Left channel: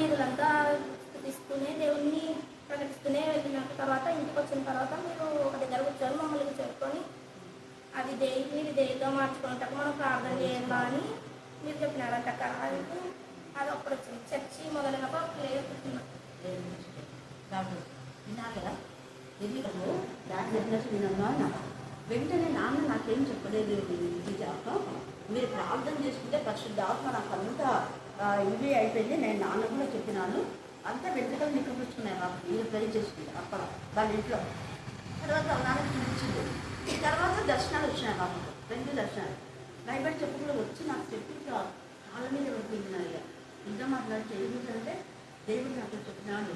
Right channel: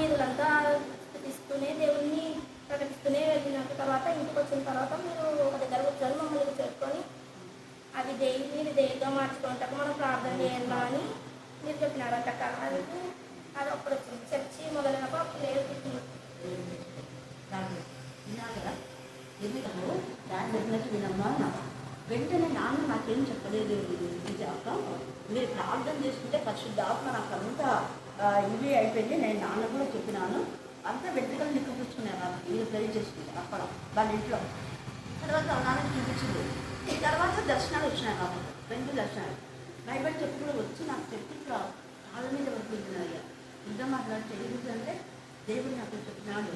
వీధులంతా స్థుతిస్తూనే దేవుణ్ణి ప్రకటిస్తూనే వెళ్ళిన తర్వాత ఇంటికి వచ్చిన తర్వాత మీరు ఒక దగ్గర కూర్చొని మమ్మల్ని కూర్చోట్టుకొని అది మీరు దేవుడిగా మార్చుకుంటాక మనం ప్రార్థన చేయాలా అని మీరు చెప్పినారంట. అది అప్పుడు వచ్చింది. చర్చి మొదలైనప్పుడు అప్పుడు లేదు కూర్చున్నాం. దాన్ని చెప్పినట్టు వినమ్మా. వెంటనే నాన్న నాకేం చెప్పలేదు విజాక, మీరు ప్రార్థన చేసుకుంటే పరిశుద్ధాత్మ నాకు అంతా ఇవి అయిపోయింది. నేను నాన్న కూడా చెప్పినాను, అంతా వెంట్రుకలు నిక్కపుచ్చుకున్నాను నాకు మీరు ప్రే చేసుకుంటే అక్కడ వాళ్ళ ఇంట్లో. తర్వాత నాన్నకి చూపించింది. తర్వాత దర్శనాలు వచ్చినాయి కాబట్టి 2 దర్శనాలు బైబిల్ చెప్పులు వచ్చి నాకు చెప్పి కాళ్ళ మీద పడిపోయినాయ్యా. ఇంకా మాట్లాడితే అంటే దేవుడు నాకు చెప్పినాడు,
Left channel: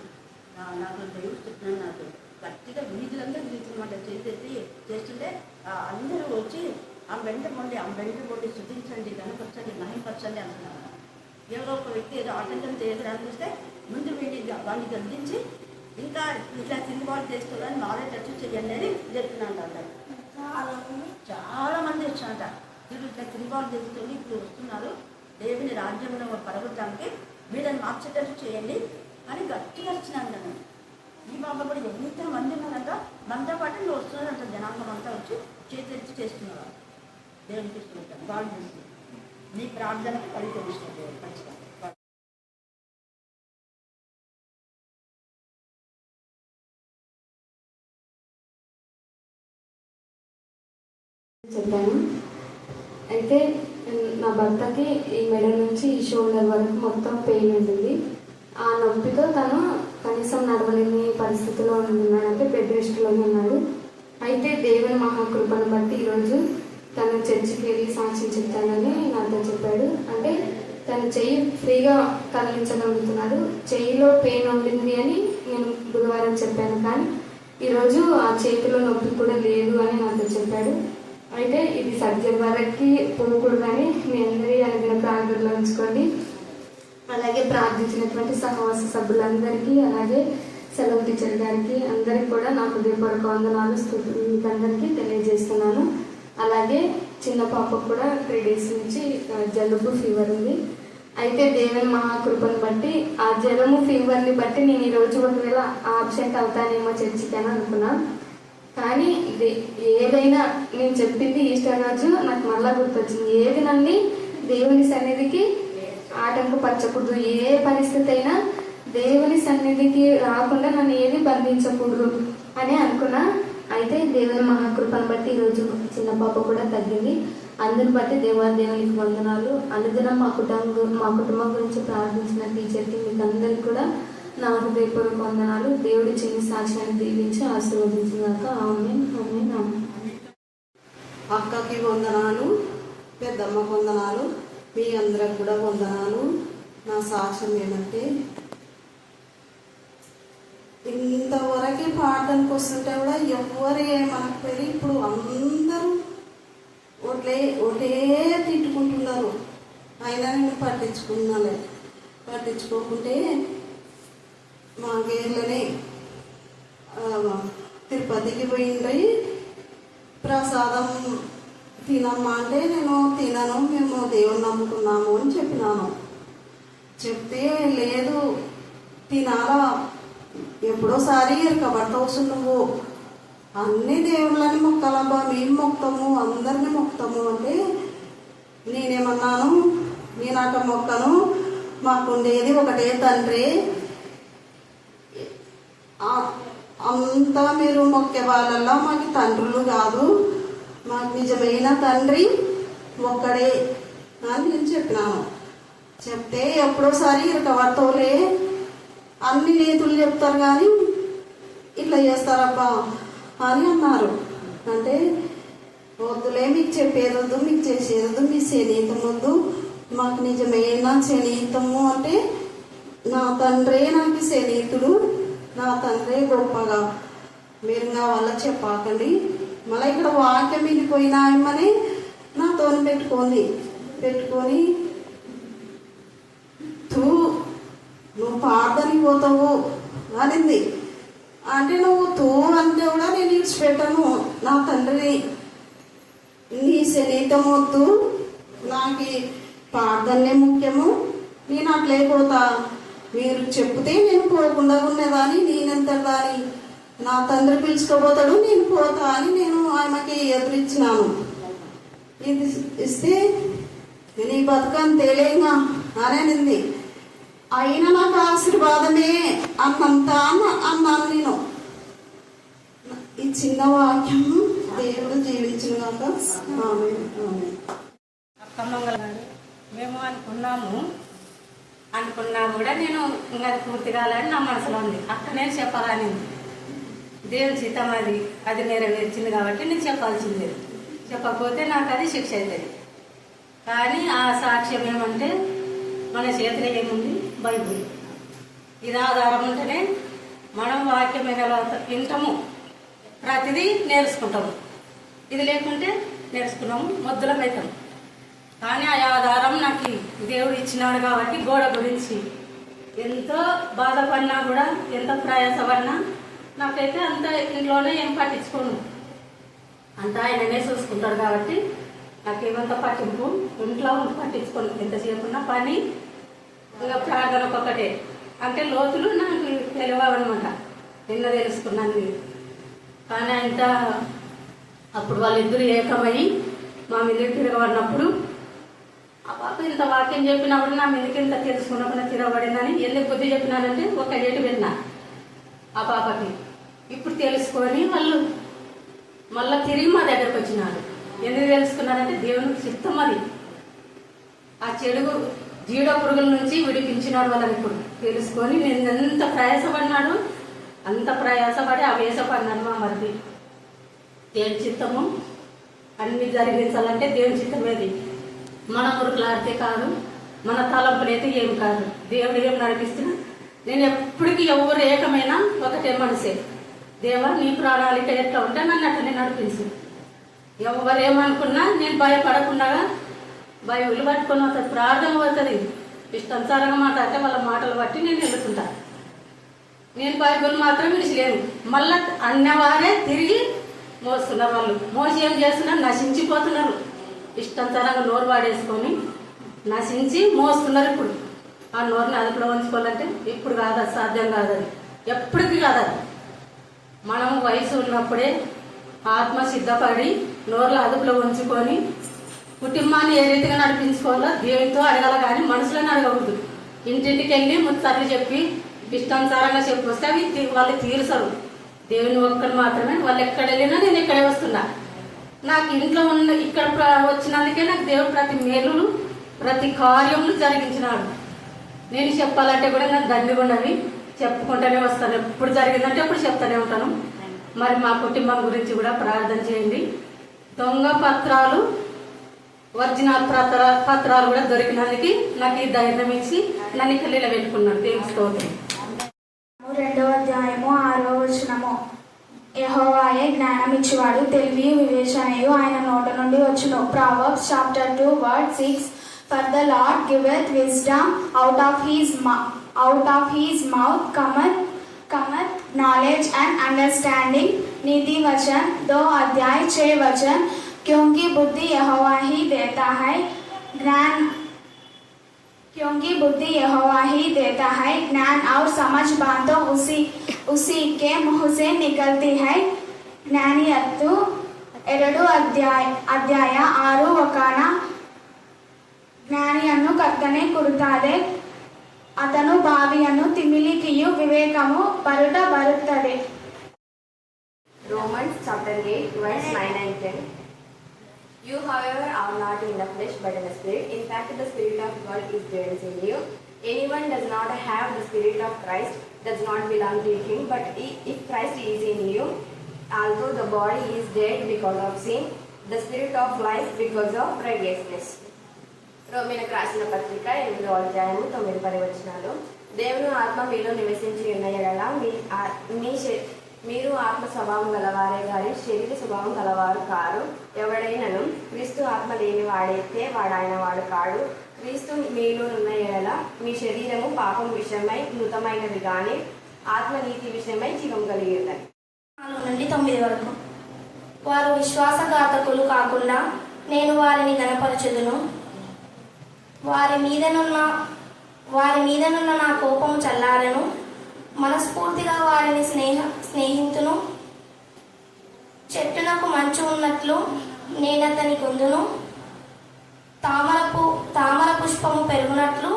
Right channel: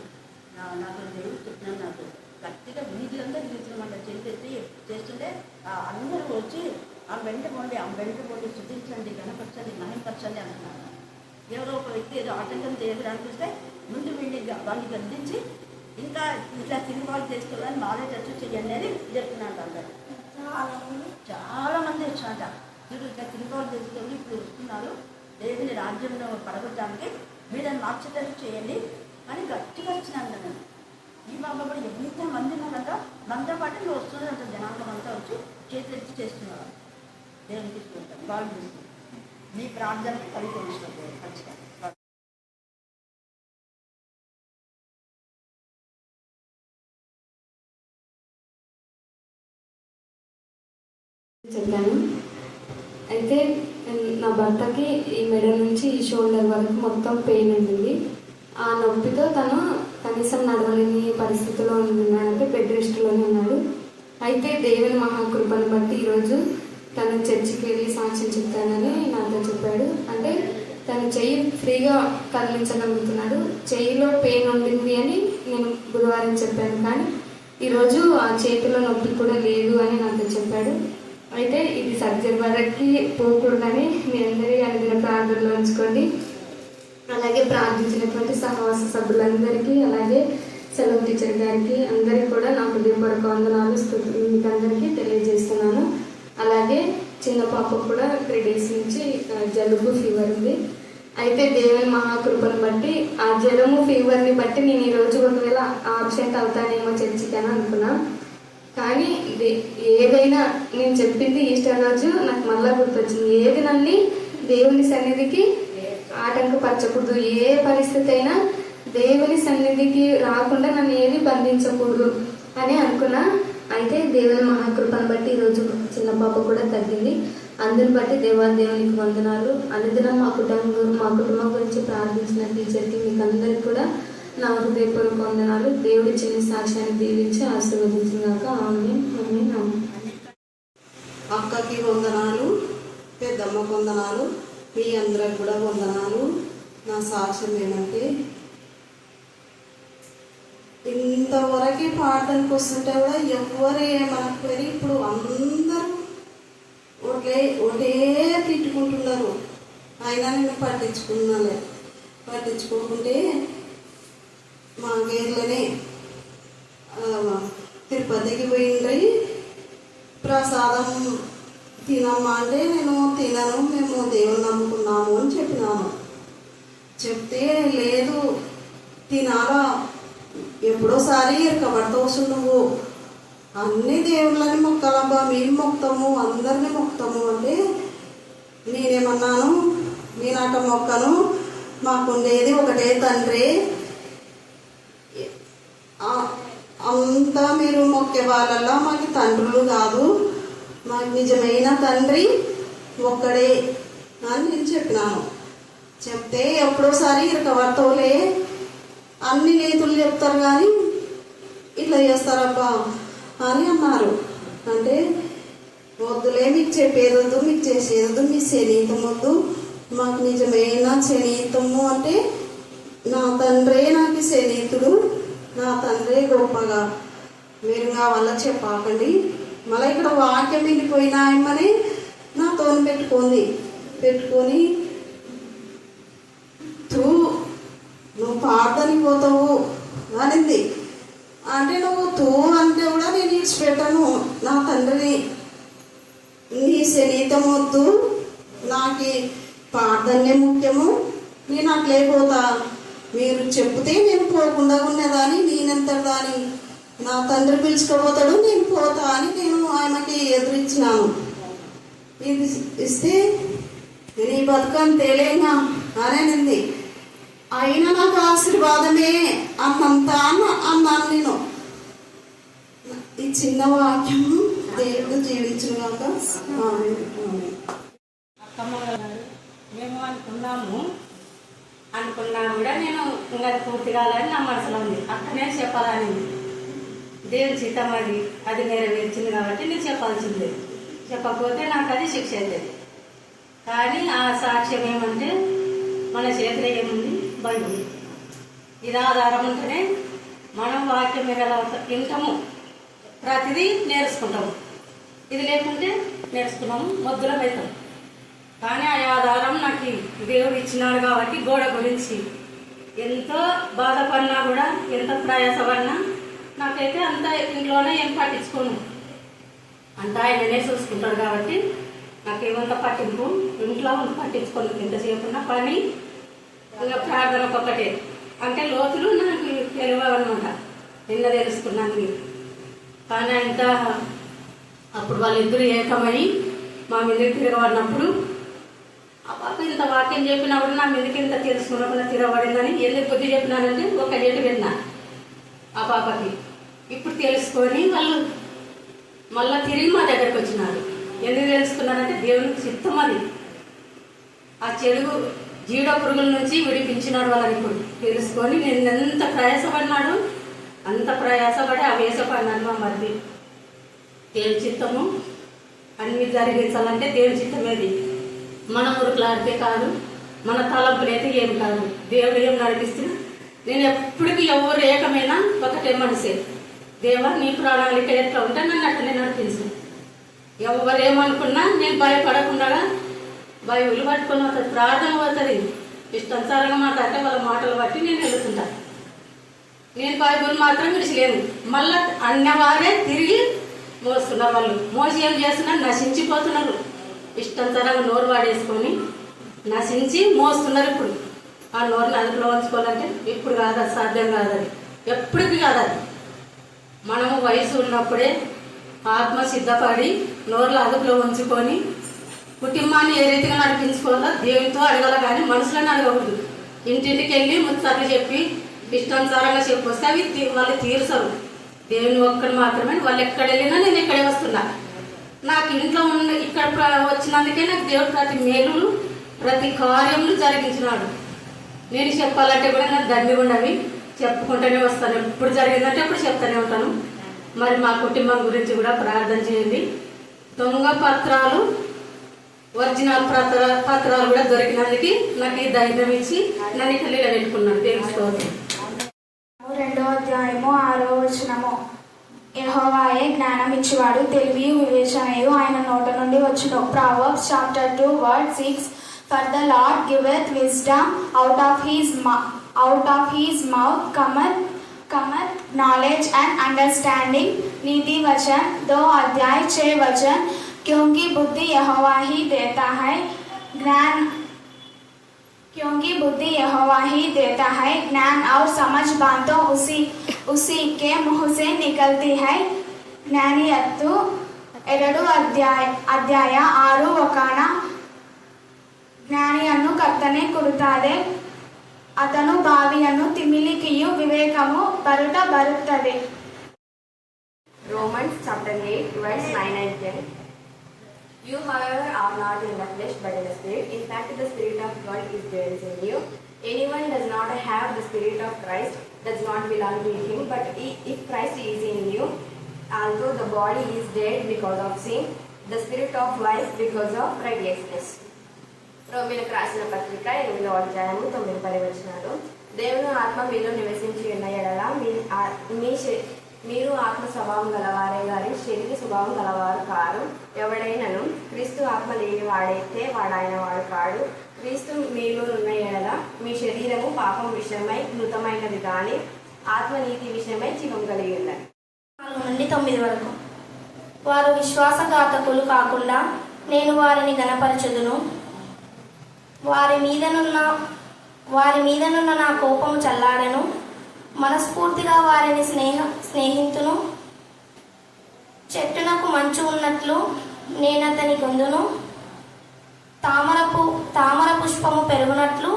నాకు దేవుడు చెప్పినాడు. నాకు గట్టిగా వీధులంతా వీధులమాట చేస్తుంటే అందరూ వచ్చి ఆ వెంట మొండి శుద్ధించండి, కనపరచండి, మహింపరచండి అంటున్నారు. ఎవరో ఒక వ్యక్తి ఏదో ఆటంకం చేయడానికి వస్తే ముందు వాడిని గద్దించి ఇంకా ఇట్లా తిరుగుబాటు చేసుకోవాలని మాదే చర్చ చేయండి అని చెప్తున్నాడు. అందరు చాలా మంది వచ్చాట తిరుగుబాటు చేసుకొని ఇప్పుడు వస్తున్నారు, దేవుని రాజ్యంలో పరగొట్టడానికి వీళ్ళని మార్చేటట్టు చేయండి అని గట్టిగా వచ్చినాను కదా. ఈ బాబా కూడా ఎంతమంది ఉన్నారంట, మనతో పాటు నువ్వు వస్తున్నారంట. జనాంగం అంతా వచ్చి చేతి చేస్తున్నారు, దేవుని తీసుకుంటారు. వాళ్ళు చేస్తున్నారు. నీ ప్రార్థనకి ఫలితం ఇస్తుంది ఖచ్చితంగా. చెప్పాను. అయితే నా భర్తకి ఈ మెడ నుంచి ఈ షోల్డర్ వరకు మొత్తం పెయిన్ ఉంటుంది. ఆ నొప్పితో తను కనీసం నడవలేని పరిస్థితిలో ఉన్నాడంటే బెడ్ రెస్ట్లోనే ఉన్నాడు. అయితే దేవుని మహాకృపను బట్టి ఈరోజు తను చర్చికి వెళ్ళి సాక్ష్యం చెప్తానని నాతో చెప్పాడు. అంటే తను చెయ్యి ఫ్రీగా కదిలించగలుగుతున్నాడు. చెయ్యిలో పెయిన్ ఉండింది అని నేను బుధవారం చెప్పాను, కానీ ఈరోజు ఆ చేతిలో నొప్పి కూడా లేదు అని నాతో చెప్పాడు. అయితే ఇది సర్జరీ వరకు పోకూడదని మీ అందరి అనుదిన ప్రార్థనలో ఉంచుకోండి. అలాగే ప్రార్థించినటువంటి సహవాస సభ్యులందరికీ, అలాగే సెలవు టీచర్ గారికి అందరికీ కూడా నా హృదయపూర్వక వందనాలు మీకు అందరికీ తెలియజేస్తున్నాను. అలాగే చిన్న పాపకు కూడా 3 days నుంచి జలుబు, ఫీవర్ ఉంది. అయితే దేవుని మహాకృపను బట్టి ఆ జలము ఫీవర్ని బట్టి నేను ఈరోజు ఒకవేళ ఆబ్సెంట్ అవుతానేమో చర్చికి అని అనుకున్నాను. కానీ ఏదైనా నేను చెప్పింది ఈస్టర్ రోజు నాకు మళ్ళా గుర్తొచ్చింది. ఏది నన్ను దేవుని సన్నిధికి ఆటంకపరచకూడదు, ఏ పరిస్థితి అయినా దేవుని సన్నిధికి రాకుండా నన్ను ఏది బంధించకూడదు అని అనుకున్నా. అయితే దేవుని మహాకృపను బట్టి ఈరోజు చిన్న పాప కూడా తగ్గింది. అందుని బట్టి దేవునికి వందనాలు. అనుదినం మా కుటుంబం గురించి ప్రార్థించిన టీచర్కి మీకు అందరికి కూడా నా హృదయపూర్వక వందనాలు. దేవుడి చిన్న సాక్ష్యాన్ని దీవించి ఆశీర్వదించినాక ఆమేన్. అక్కకి వందనాలు, పెద్దమ్మకు వందనాలు, మీ అందరికి కూడా వందనాలు. నా సాక్ష్యం ఏమంటే, ఇంతవరకు పాడడానికి వస్తుంటే కూడా ఎవరు ఏమనకపోయి ఇప్పుడు అందరూ ఒకటే తిట్టుకుంటున్నారు. అయినా నేను పట్టించుకోకుంటే మా గేర్లోనే తిరుపతికి పోయిండ్రి. ప్రసాదం తినమ్మా అంటే నేను తినను, మేము దేవుని నమ్ముకున్నాము అని చెప్పినాను. చెప్తే లేదు తినాలా, ఎప్పుడోసారి ఇరకబడతా వస్తుండవు, అన్ని దేవుళ్ళని మొక్కాలబ్బా, మేము మొక్తాము, అందరినీ మొక్తాము అంటే నేనేమన్నాను, నేను అట్ట మొక్కను, మాకుండేది ఒకటే తండ్రి, అంతా మీరు మొక్కే వాళ్ళల్లో మాకు తండ్రులు కాదు, మాకు నిజమైన తండ్రి ఒక్కడే అని నేను చెప్పినాను. చెప్తే ఎప్పుడోసారి ఇరకబడతావులే, అన్ని నీతులు చెప్తారు కానీ ఇట్లా చేస్తారబ్బా అని అన్నారు. అంటే వద్దులే, మీకు చెప్పేది వద్దు, మీకు చేసేది వద్దు, మీ శనీతం వద్దు, మాకు నిజమైన శనీతము అంటే నా తండ్రే నాకు శనీతుడు, నా తండ్రే గొప్పగా, మీరు నా వల్ల చెప్పాకండి. మళ్ళీ ఇక్కడ వాక్యం మిండిపోయిన ఆయమ్మని నాతో పెట్టుకొని నువ్వు ప్రార్థనకి పోతావు అనింది. అంటే నువ్వు అంటే కూడా నేను ఇచ్చిపెట్టాను, నా తండ్రిని, నీ శరీరం వద్దు, నాకు ప్రార్థనే ముఖ్యము, నేను అట్లే పోతా మీరు చెప్తే నేను పోకుండా ఉన్నదాన్ని, నేనెంత దాని నా తండ్రి పిలుచుకోపోతాడు, నేను పోతా అని నేను ఆమెకి ఎదురిచ్చినాను. ఇది ఇస్తే నీ బతుకం తేలేనా అని అనింది. అయినా నాకు ఆశీర్వాదమే అన్నంత అన్నాను నేను. ఈ చిన్న వాక్యం దేవుడు జీవించిన కాక. అక్కమ్మ మేము అనుకున్నా కూడా నేను ఇంకా పూర్తి కాలని నా మనసులో ఉంది. అక్కనే చెప్పాలని ఉంది. దేవుని చిత్తం అది నెరవేర్చింది కాబట్టి నేను చెప్పాల్సిందే. చెప్పకపోతే నాకు అది శిక్ష అవుతుంది. కానీ ఆ సాక్ష్యం ఏమంటే మన చేతిలో ఏముంది? బైబుల్. ఇది ఆధారం ఉంటేనే మనం వాక్యం వింటాము, ప్రతిదీ నేర్చుకుంటాము. ఇది లేకుంటే నేర్చుకున్నాము, మొద్దులం అవుతాం. కానీ ఆ ఆధారం నాకు దేవుడు ఇచ్చినాడు కాబట్టి గోడ గురించి ఎంతో బాధపడినా కూడా, ఎంతో ప్రయాసపడినా నాకైతే అంత ఇంట్లోనే ఏం పట్టించుకోను. అంతా ఆయననే చూసుకుంటాడు కాబట్టి నాకేమంత పట్టింపు ఇంట్లో పట్టించుకోను. ఎంతసేపు ఉన్న పని ఇంకా ప్రార్థనకు ఒకటే. అంటే లోతులు నాకు తెలియవన్నమాట. నిన్న తెలుసుకున్నాను మీరు. కానీ అంత అప్పుడు వాళ్ళిద్దరు ఏకమై మా మీదకి తిరగబడినప్పుడు ఆ పాప ఇంత వాక్యం చెప్పినప్పుడు నా మీదకి ఇంత తెలుసుకున్నప్పుడు తిరగబడిందని ఎందుకు బుద్ధి చెప్పినానంటే ఒక ఏటు విన్నా ఆ పాపకి. ఇప్పుడు తెలుసుకొని వాళ్ళు మళ్ళా తిరిగి మా దగ్గరకు వచ్చినారు. ఎందుకు తెలుసుకున్నారంటే దేవునికి చిత్తం అది. ఆ చెడుగు జీడ పురుగుల నుంచి విడిపించినాడు వాళ్ళని. ఇప్పుడు తెలుసుకొని నేను ఎంత ప్రయాసపడినాడు, అంత ప్రయాసపడి ఆవేశపడినాడు మా మరిది. దేవుని చిత్తము అన్ని జరిగించాలంటే దేవుని చిత్తమేది. మన ఊరుకులాడితే కాదు, మన తలంపులైతే ఏమి కాదు. దేవుడు ఏం నడిపిస్తున్నా నేను ఎప్పటికీ ఎవరు ఏకమైనా ఒకటే మనసే. దేవా నీ ప్రణాళిక ఎట్లా ఉంటే నన్ను అట్లనే నడిపించు. ఎవరేమనుకున్నా నేను భయపడకుండా బైబిల్ పట్టుకొని వస్తుంది, ప్రార్థన పోతుంది. ఇష్టానుసారంగా మాట్లాడితే వాళ్ళ మాటలు బట్టి నేను వెళ్తుంటా. నేను బైబిల్ మాత్రం విడిచిలేను. మళ్ళా అన్నవారే తిరిగి మోస్తున్నారు. వాళ్ళు మోసి ఏం చేస్తున్నారు? నశించిపోతున్నారు. ఇష్టానుసారంగా నోరు వాడేసుకొని నశించి మోస్తున్నారు. ఇప్పుడు ఆ నోరుని అదుపులో ఉంచుకోవాలంటే ఇప్పుడు కాదు, అది సాధ్యం కాదు. అది ఎప్పటికీ కాదు. అది మనము వయసు ఉన్నప్పుడే ఆత్మ సిద్ధపడి నోరులో అదుపులో ఉంచుకొని కుటుంబాన్ని ఏ రీతిగా నడిపించుకోవాలో దేవునితో అడగాల, కానీ మనుషులను అడగకూడదు. ఇంటింటికి వెళ్ళి ముచ్చట్లు చెప్పి ఇష్టానుసారంగా చెప్పి వస్తే అవి వాళ్ళు తీరుసరు. దేవుని ఒక్కరు మాత్రమే. వాళ్ళు ఎక్కడ వెళ్ళినా నేను ఇక్కడే వస్తున్నా. నాకు ఇంట్లో ఉన్న ఇక్కడ వచ్చినందుకే నాకు దేవుడు ప్రతి మేలును ప్రతి కార్యములు జరిగించినాడు. నేను చెప్పాలంటే కూడా నాకు దండిగా ఉన్నవి చెప్పుకుంటూనే వస్తాను. ఎప్పుడు జరిగిందంటే అప్పుడు చెప్తానే ఉంటాను. మరి మా కుటుంబం గురించి కూడా ప్రార్థన చేయండి. దొంగ పత్రాలు, ఒరిజినల్ పత్రాలు కూడా దొరికినందుకు నాకు ఈ ధైర్యం ఇచ్చి నన్ను ఇక్కడ నిలబెట్టుకున్నాడు. తెలుసుకోవాలి. 2వ అధ్యాయము 6వ వచనము. యెహోవాయే జ్ఞానం ఇచ్చువాడు, తెలివియు వివేచనయు ఆయన నోట నుండి వచ్చును. Proverbs chapter 2 verse 6. For the Lord giveth wisdom, out of his mouth cometh knowledge and understanding. नीति वचन 2 अध्याय 6 वचन. क्योंकि बुद्धि यहोवा ही देता है ज्ञान और समझ बातों उसी के मुंह से निकलती है. ಜ್ಞಾನಿಯತ್ತು 2 ಅಧ್ಯಾಯ 6 ವಚನ. ಜ್ಞಾನಿಯನ್ನು ಕರ್ತನೆ ಕೊಡುತ್ತದೆ, ಅತನು ಬಾವಿಯನ್ನು ತಿಮಿಲಿಕೆಯು ವಿವೇಕವು ಬರುತ್ತದೆ. Romans chapter 8 verse 9 and 10. You however are not in the flesh but in the spirit. In fact the spirit of God is dwells in you. Anyone does not have the spirit of Christ does not belong to him. But if Christ is in you, although the body is dead because of sin, the spirit of life because of righteousness. రోమీయులకు రాసిన పత్రిక 8వ అధ్యాయము 9-10 వచనాలు. దేవుని ఆత్మ మీలో నివసించి ఉన్న యెడల మీరు ఆత్మ స్వభావం గలవారే గాని శరీర స్వభావం గలవారు కారు. ఎవడైనను క్రీస్తు ఆత్మ లేని వాడైతే వాడాయన వాడు కాడు. క్రీస్తు మీలోనున్న యెడల మీ శరీరము పాపం విషయమై మృతమైనది గాని ఆత్మ నీతి విషయమై జీవం కలిగి ఉన్నది. 4 నుండి 9 వరకు. వారు విశ్వాసఘాతకులు కాకుండా నేను వారిని గణపరచుదును. వారి మీదనున్న వారి మీదనున్న నా కోపము చల్లారను. మనస్ఫూర్తిగా వారిని స్నేహితును. చెట్టునకు మంచు ఉన్నట్లు నేనతని కొందును. తామర పుష్పము పెరుగునట్లు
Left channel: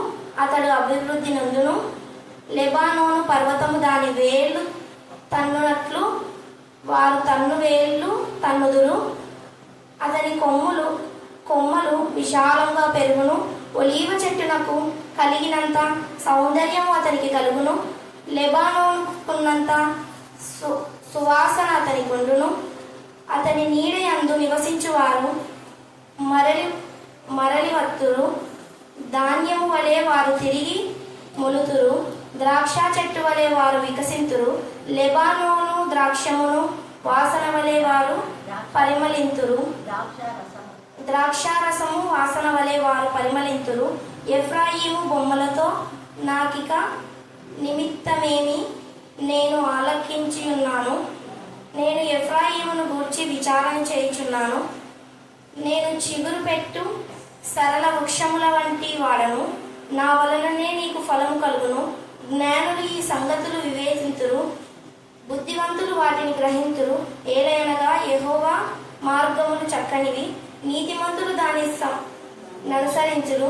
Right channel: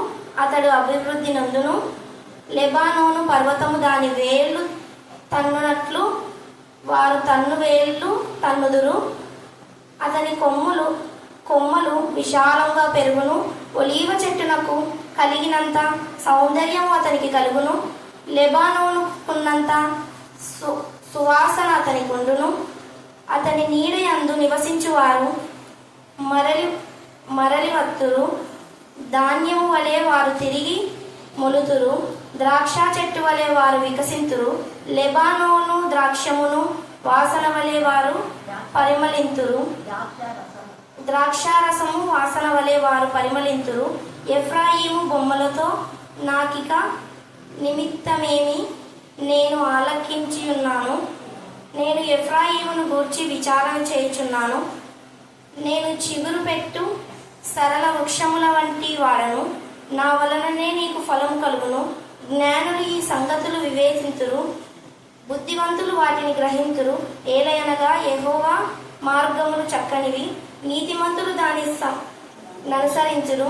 అతడు అభివృద్ధి నందును. లెబానోను పర్వతము దాని వేళ్లు తన్నునట్లు వారు తన్ను వేళ్లు తన్నుదురు. అతని కొమ్మలు విశాలంగా పెరుగును. ఒలీవ చెట్టునకు కలిగినంత సౌందర్యము అతనికి కలుగును. లెబానోనుకున్నంత సువాసన అతనికి ఉండును. అతని నీడ యందు నివసించువారు మరలి వత్తురు. ధాన్యము వలె వారు తిరిగి మొలుతురు. ద్రాక్ష చెట్టు వలె వారు వికసింతురు. లెబానోను ద్రాక్షమును వాసన వలె వారు పరిమళింతురు. ద్రాక్షారసము వాసన వలె వారు పరిమళింతురు. ఎఫ్రాయిము బొమ్మలతో నాకిక నిమిత్తమేమి, నేను ఆలకించి ఉన్నాను. నేను ఎఫ్రాయిమును గూర్చి విచారణ చేయుచున్నాను. నేను చిగురు పెట్టు సరళ వృక్షముల వంటి వాడను. నా వలననే నీకు ఫలం కలుగును. జ్ఞానులు ఈ సంగతులు వివేచింతురు, బుద్ధివంతులు వాటిని గ్రహింతురు. ఏలయనగా యెహోవా మార్గములు చక్కనివి, నీతిమంతులు దాని ననుసరించురు